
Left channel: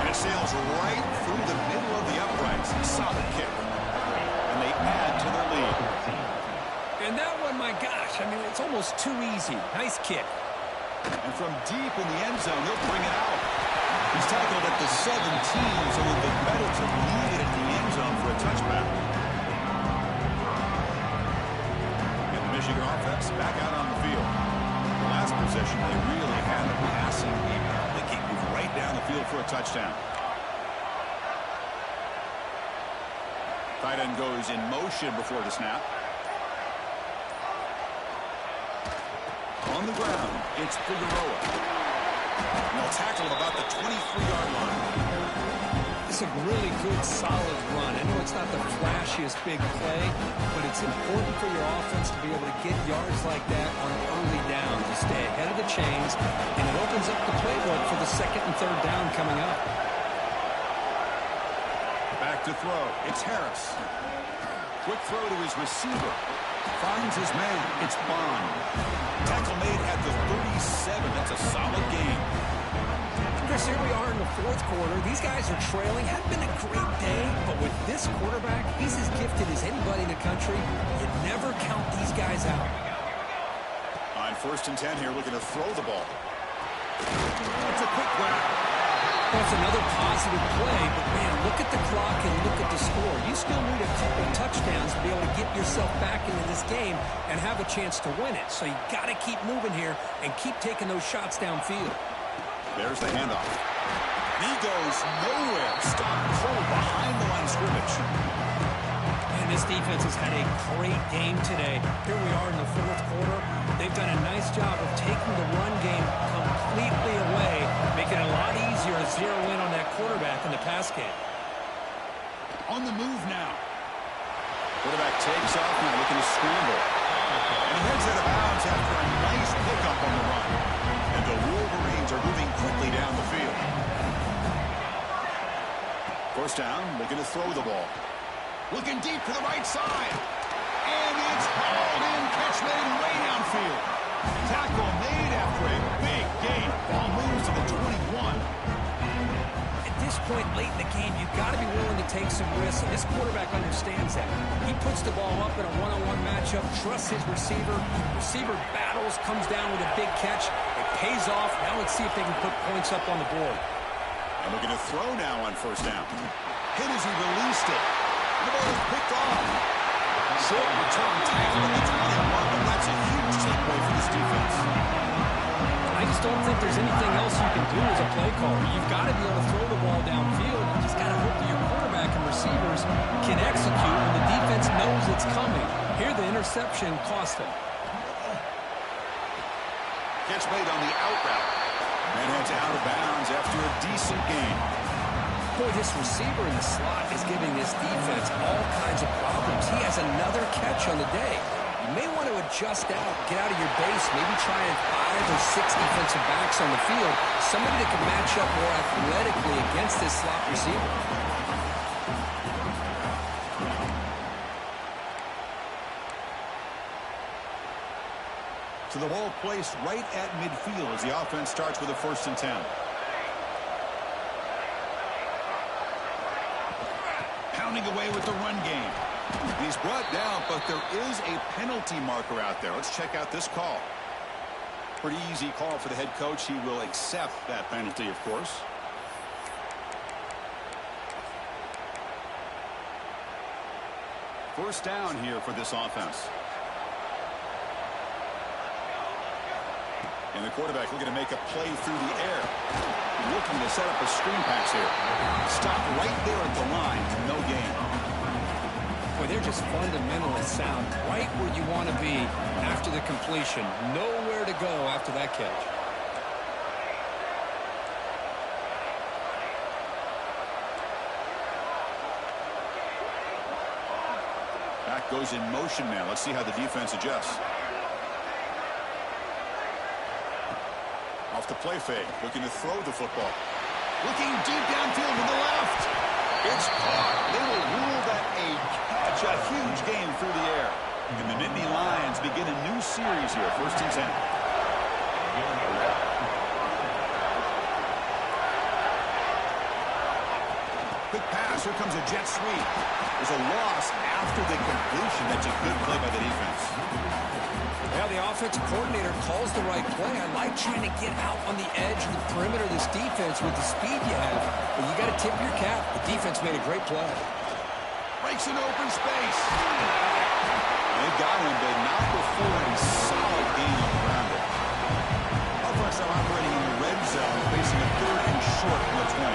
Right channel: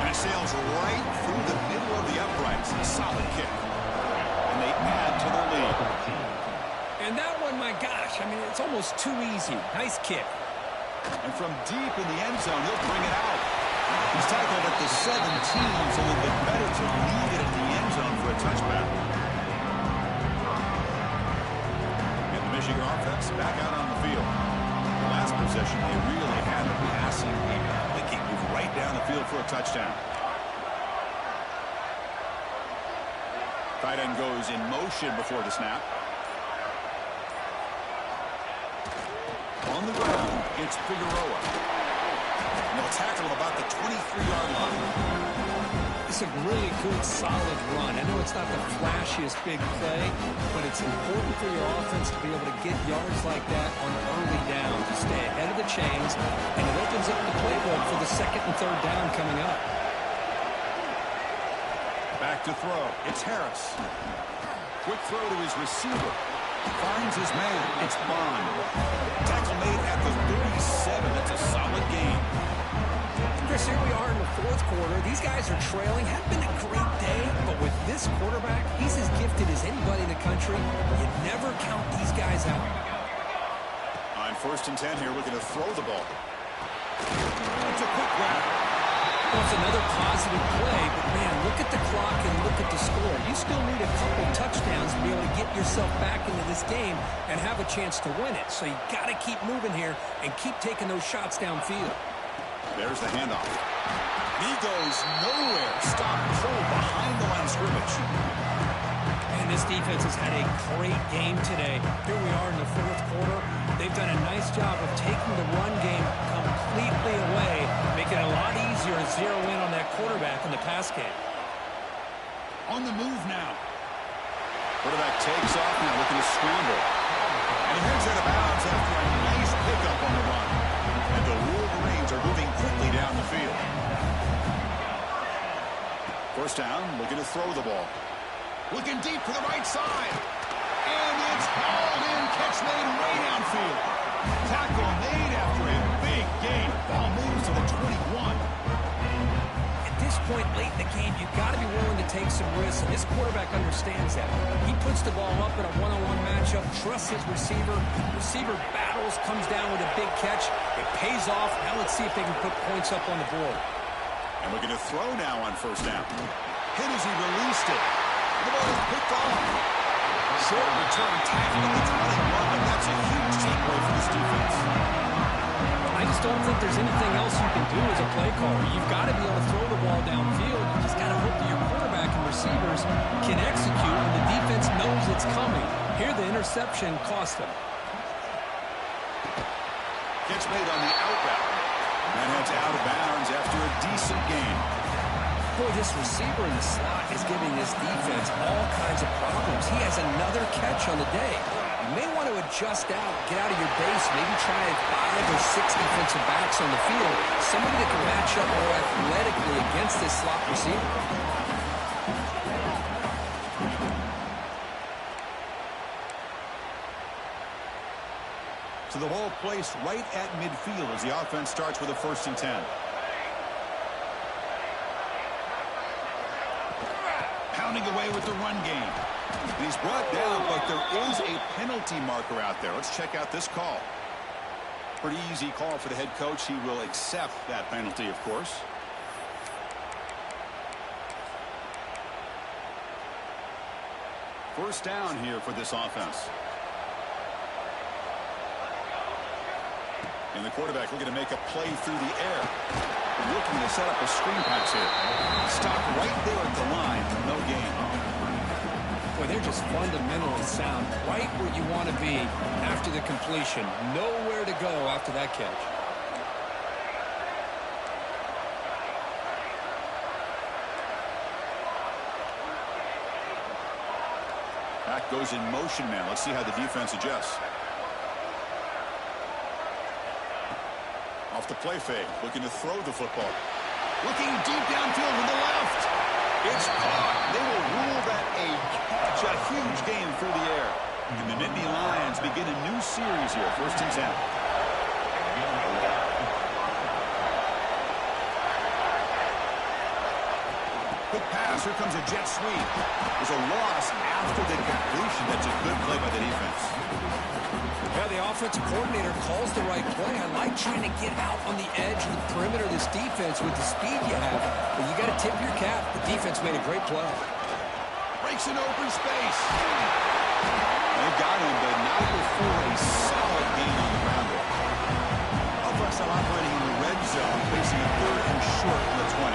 And it sails right through the middle of the uprights. Solid kick. And they add to their lead. And that one, my gosh, I mean, it's almost too easy. Nice kick. And from deep in the end zone, he'll bring it out. He's tackled at the 17, so it'll be better to leave it at the end zone for a touchback. And the Michigan offense back out on the field. The last possession, they really had the passing game. They can move right down the field for a touchdown. Tight end goes in motion before the snap. On the ground, it's Figueroa. And they'll tackle him about the 23-yard line. It's a really good, solid run. I know it's not the flashiest big play, but it's important for your offense to be able to get yards like that on early downs. You stay ahead of the chains, and it opens up the playbook for the 2nd and 3rd down coming up. Back to throw. It's Harris. Quick throw to his receiver. Finds his man. It's Bond. Tackle made at the 37. That's a solid game. Chris, here we are in the 4th quarter. These guys are trailing. Hadn't been a great day, but with this quarterback, he's as gifted as anybody in the country. You never count these guys out. On 1st and 10 here, looking to throw the ball. It's a quick grab. Well, it's another positive play, but, man, look at the clock and look at the score. You still need a couple touchdowns to be able to get yourself back into this game and have a chance to win it. So you got to keep moving here and keep taking those shots downfield. There's the handoff. And he goes nowhere. Stop cold behind the line of scrimmage. And this defense has had a great game today. Here we are in the 4th quarter. They've done a nice job of taking the run game completely away, making it a lot easier to zero in on that quarterback in the pass game. On the move now. Quarterback takes off now, looking to scramble. And he heads out of bounds after a nice pickup on the run. And the Wolverines are moving quickly down the field. 1st down, looking to throw the ball. Looking deep to the right side. And it's hauled in. Catch made way downfield. Tackle made after a big gain. Ball moves to the 21. At this point late in the game, you've got to be willing to take some risks, and this quarterback understands that. He puts the ball up in a one-on-one matchup, trusts his receiver. Receiver battles, comes down with a big catch. It pays off. Now let's see if they can put points up on the board. And looking to throw now on 1st down. Hit as he released it. The ball is picked off. Short return tackle at the 21, but that's a huge takeaway for this defense. I just don't think there's anything else you can do as a play caller. You've got to be able to throw the ball downfield. You just got to hope that your quarterback and receivers can execute when the defense knows it's coming. Here, the interception cost them. Catch made on the out route. And heads out of bounds after a decent gain. Boy, this receiver in the slot is giving this defense all kinds of problems. He has another catch on the day. You may want to adjust out, get out of your base, maybe try 5 or 6 defensive backs on the field, somebody that can match up more athletically against this slot receiver. So the ball placed right at midfield as the offense starts with a 1st and 10. Pounding away with the run game. He's brought down, but there is a penalty marker out there. Let's check out this call. Pretty easy call for the head coach. He will accept that penalty, of course. First down here for this offense. And the quarterback looking to make a play through the air. Looking to set up a screen pass here. Stop right there at the line. No gain. Boy, they're just fundamentally sound. Right where you want to be after the completion. Nowhere to go after that catch. Back goes in motion now. Let's see how the defense adjusts. Off the play fake, looking to throw the football. Looking deep downfield to the left. It's caught. They will rule that a catch. A huge gain through the air. And the Nittany Lions begin a new series here. 1st and 10. Quick pass. Here comes a jet sweep. There's a loss after the completion. That's a good play by the defense. Yeah, the offensive coordinator calls the right play. I like trying to get out on the edge of the perimeter of this defense with the speed you have. But you got to tip your cap. The defense made a great play. Breaks an open space. They've got him, but not before a solid gain on the ground there. Offense now operating in the red zone, facing a 3rd and short from the 20.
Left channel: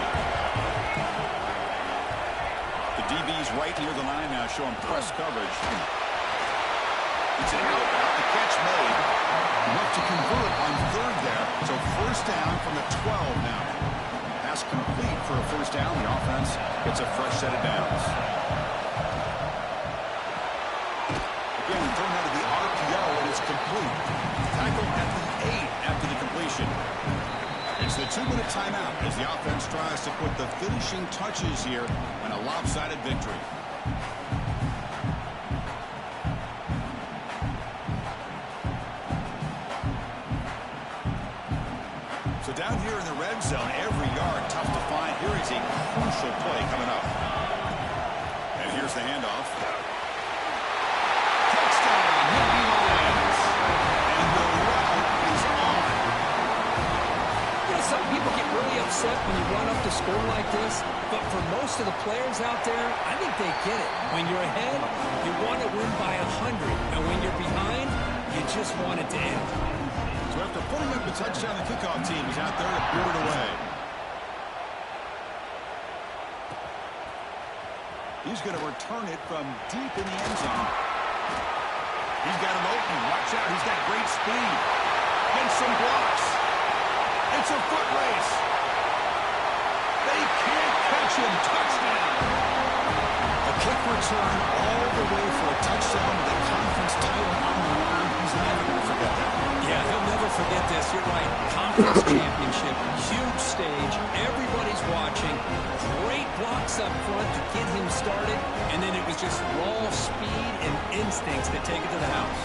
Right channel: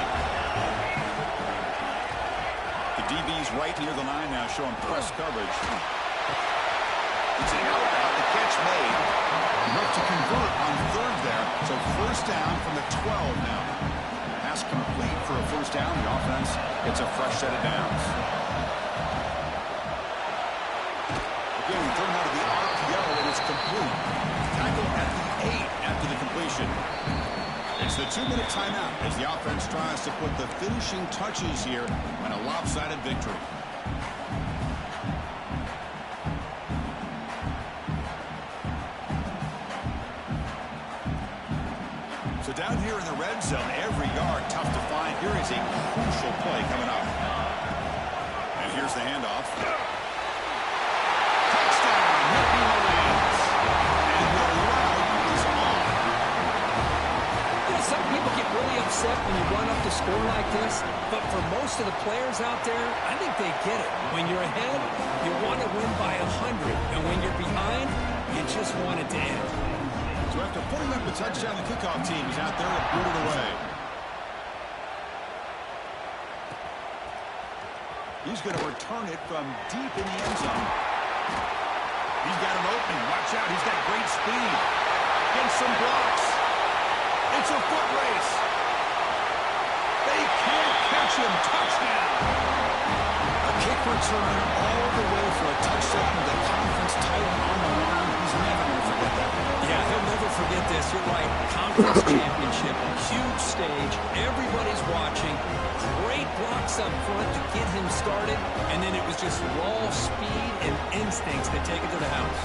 The DB's right near the line now, showing press coverage. It's an out route. The catch made. Enough to convert on 3rd there. So 1st down from the 12 now. Pass complete for a 1st down. The offense gets a fresh set of downs. Again, thrown out of the RPO, and it's complete. Tackle at the 8 after the completion. It's the 2-minute timeout as the offense tries to put the finishing touches here in a lopsided victory. So down here in the red zone, every yard tough to find. Here is a crucial play coming up. And here's the handoff. Touchdown, Nittany Lions. And the route is on. You know, some people get really upset when you run up to score like this. But for most of the players out there, I think they get it. When you're ahead, you want to win by 100. And when you're behind, you just want it to end. So after putting up the touchdown, the kickoff team is out there to put it away. He's going to return it from deep in the end zone. He's got an opening. Watch out. He's got great speed. Gets some blocks. It's a foot race. They can't catch him. Touchdown. A kick return all the way for a touchdown with a conference title on the line. He's never going to forget that. Yeah, he'll never forget this. You're right. Conference championship, huge stage. Everybody's watching. Great blocks up front to get him started. And then it was just raw speed and instincts that take it to the house.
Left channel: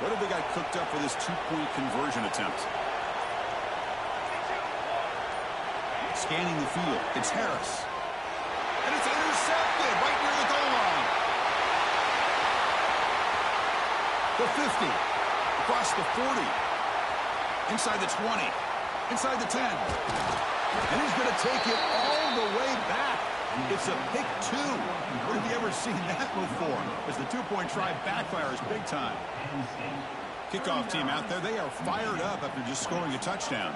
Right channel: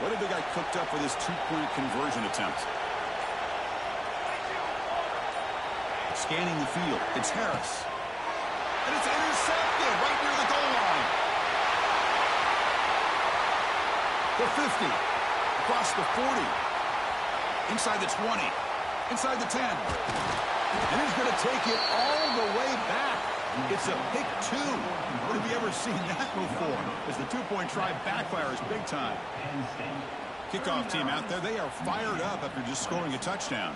What have they got cooked up for this 2-point conversion attempt? Scanning the field. It's Harris. And it's intercepted right near the goal line. The 50. Across the 40. Inside the 20. Inside the 10. And he's going to take it all the way back. It's a pick 2. What have you ever seen that before? As the 2-point try backfires big time. Kickoff team out there, they are fired up after just scoring a touchdown.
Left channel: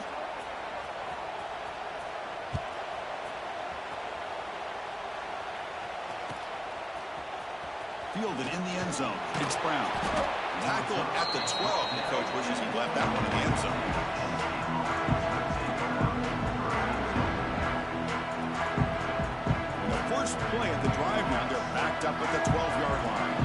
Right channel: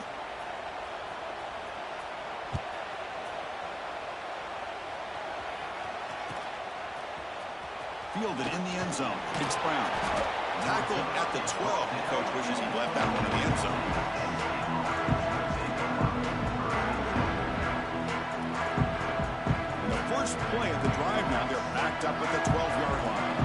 Fielded in the end zone. It's Brown. Tackled at the 12. The coach wishes he'd left that one in the end zone. First play at the drive now. They're backed up at the 12-yard line.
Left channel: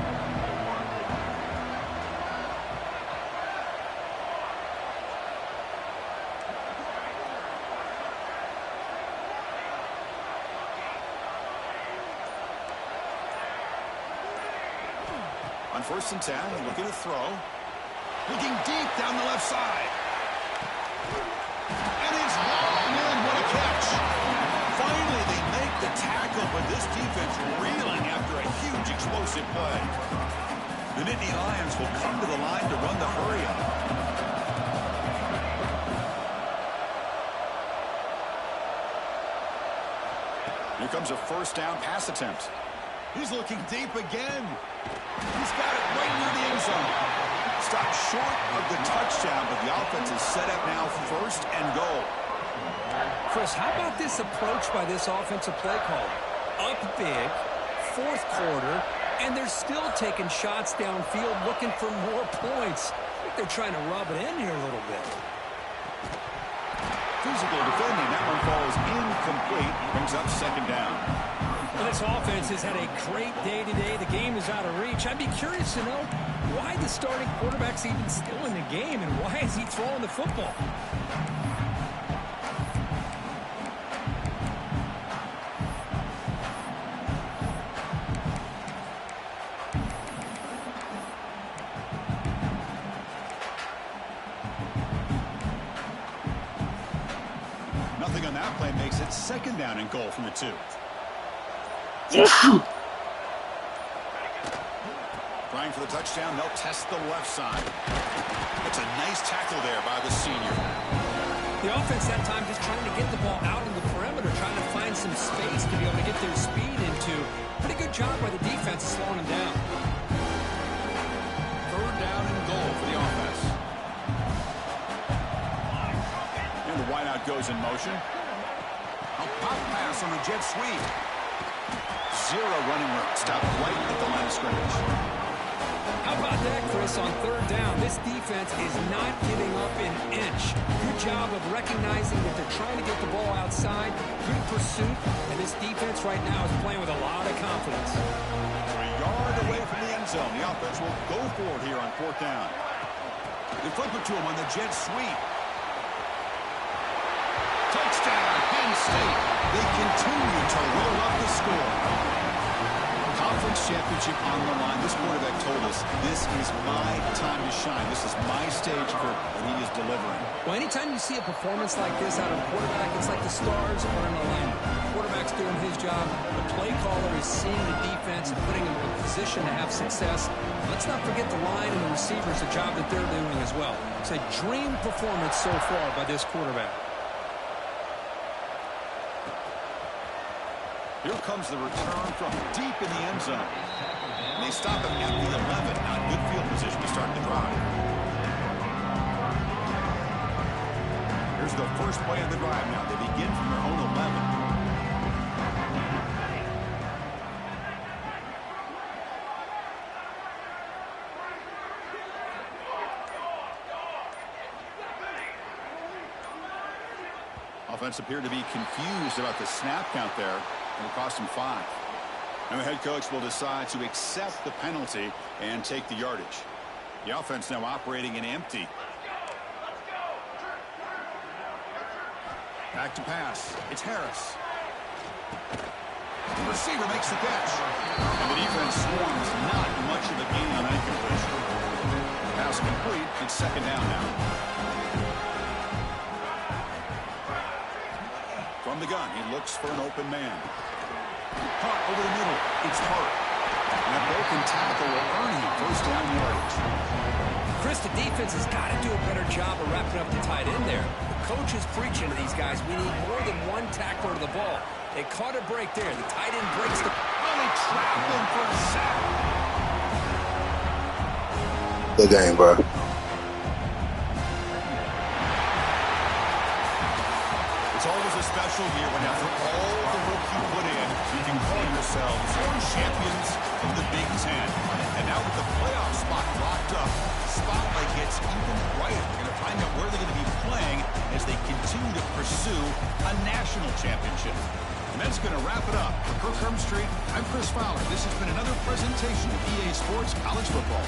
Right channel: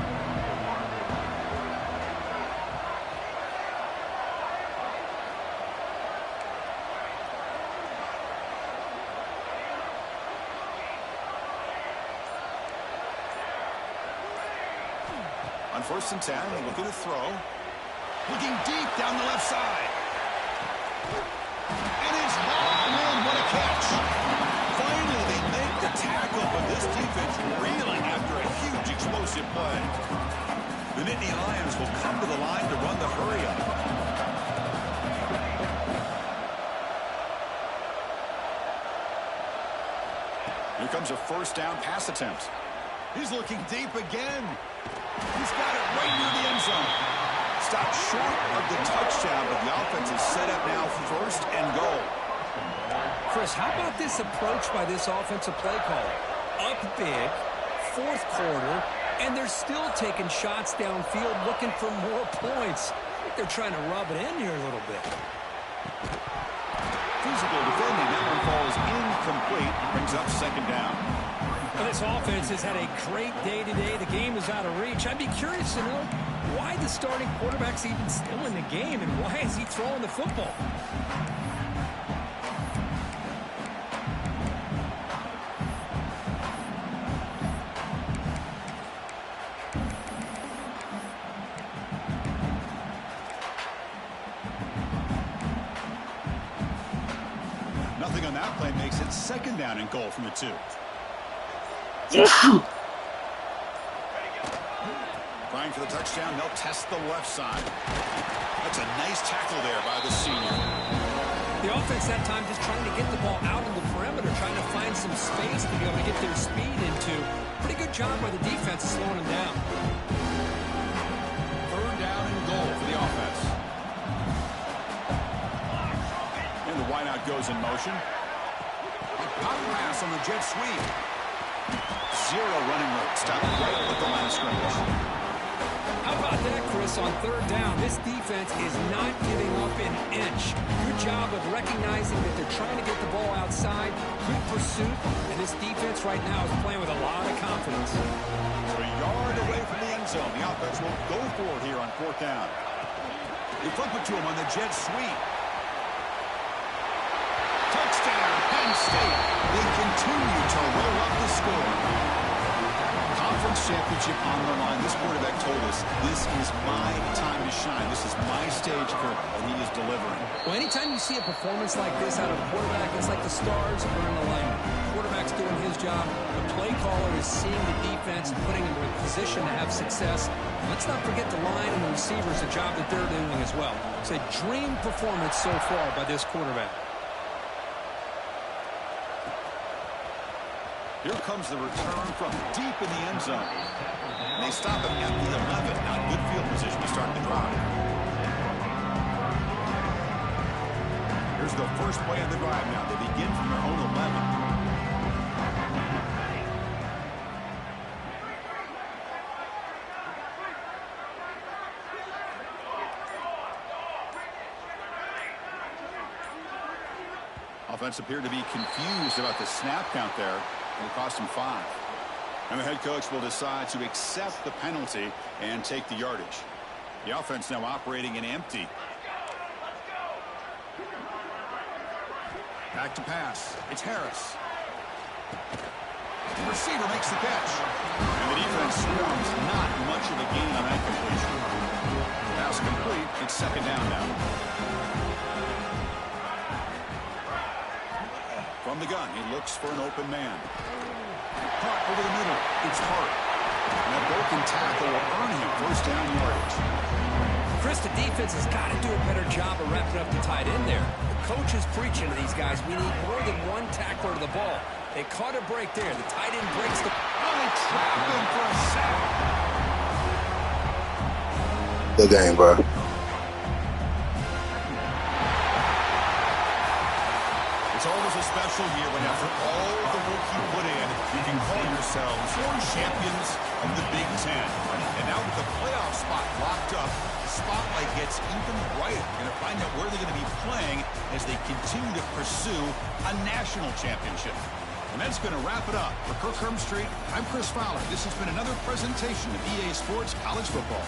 On 1st and 10, looking to throw. Looking deep down the left side. And it's hauled in. What a catch. Finally, they make the tackle, but this defense reeling after a huge explosive play. The Nittany Lions will come to the line to run the hurry-up. Here Here comes a first down pass attempt. He's looking deep again. He's got it right near the end zone. Stopped short of the touchdown, but the offense is set up now, first and goal. Chris, how about this approach by this offensive play caller? Up big, fourth quarter, and they're still taking shots downfield looking for more points. I think they're trying to rub it in here a little bit. Physical defending. That one falls incomplete. Brings up second down. Well, this offense has had a great day today. The game is out of reach. I'd be curious to know why the starting quarterback's even still in the game and why is he throwing the football? Nothing on that play makes it second down and goal from the 2. Trying for the touchdown. They'll test the left side. That's a nice tackle there by the senior. The offense that time just trying to get the ball out on the perimeter, trying to find some space to be able to get their speed into. Pretty good job by the defense of slowing them down. Third down and goal for the offense. And the wideout goes in motion. A pop pass on the jet sweep. Zero running room. Stopped right at the line of scrimmage. How about that, Chris, on third down? This defense is not giving up an inch. Good job of recognizing that they're trying to get the ball outside. Good pursuit. And this defense right now is playing with a lot of confidence. So a yard away from the end zone. The offense will go for it here on fourth down. They flip it to him on the jet sweep. Touchdown, Penn State. They continue to roll up the score. Conference championship on the line. This quarterback told us, this is my time to shine. This is my stage, Kurt, and he is delivering. Well, anytime you see a performance like this out of a quarterback, it's like the stars are in alignment. The quarterback's doing his job. The play caller is seeing the defense and putting him in a position to have success. Let's not forget the line and the receivers, the job that they're doing as well. It's a dream performance so far by this quarterback. Here comes the return from deep in the end zone. And they stop him at the 11. Now good field position to start the drive. Here's the first play of the drive now. They begin from their own 11. Offense appeared to be confused about the snap count there. It'll cost him 5. And the head coach will decide to accept the penalty and take the yardage. The offense now operating in empty. Back to pass. It's Harris. The receiver makes the catch. And the defense swarms. Not much of a gain on that completion. Pass complete. It's second down now. From the gun, he looks for an open man. Caught over the middle. It's Hart. And that broken tackle will earn him first down yardage. Chris, the defense has got to do a better job of wrapping up the tight end there. The coach is preaching to these guys. We need more than one tackler to the ball. They caught a break there. The tight end breaks the... Oh, they trap him for a sack. Good game, bro. It's always a special year when after all the work you put in, you can call yourselves champions of the Big Ten. And now with the playoff spot locked up, the spotlight gets even brighter. We're going to find out where they're going to be playing as they continue to pursue a national championship. And that's going to wrap it up. For Kirk Hermstreet, I'm Chris Fowler. This has been another presentation of EA Sports College Football.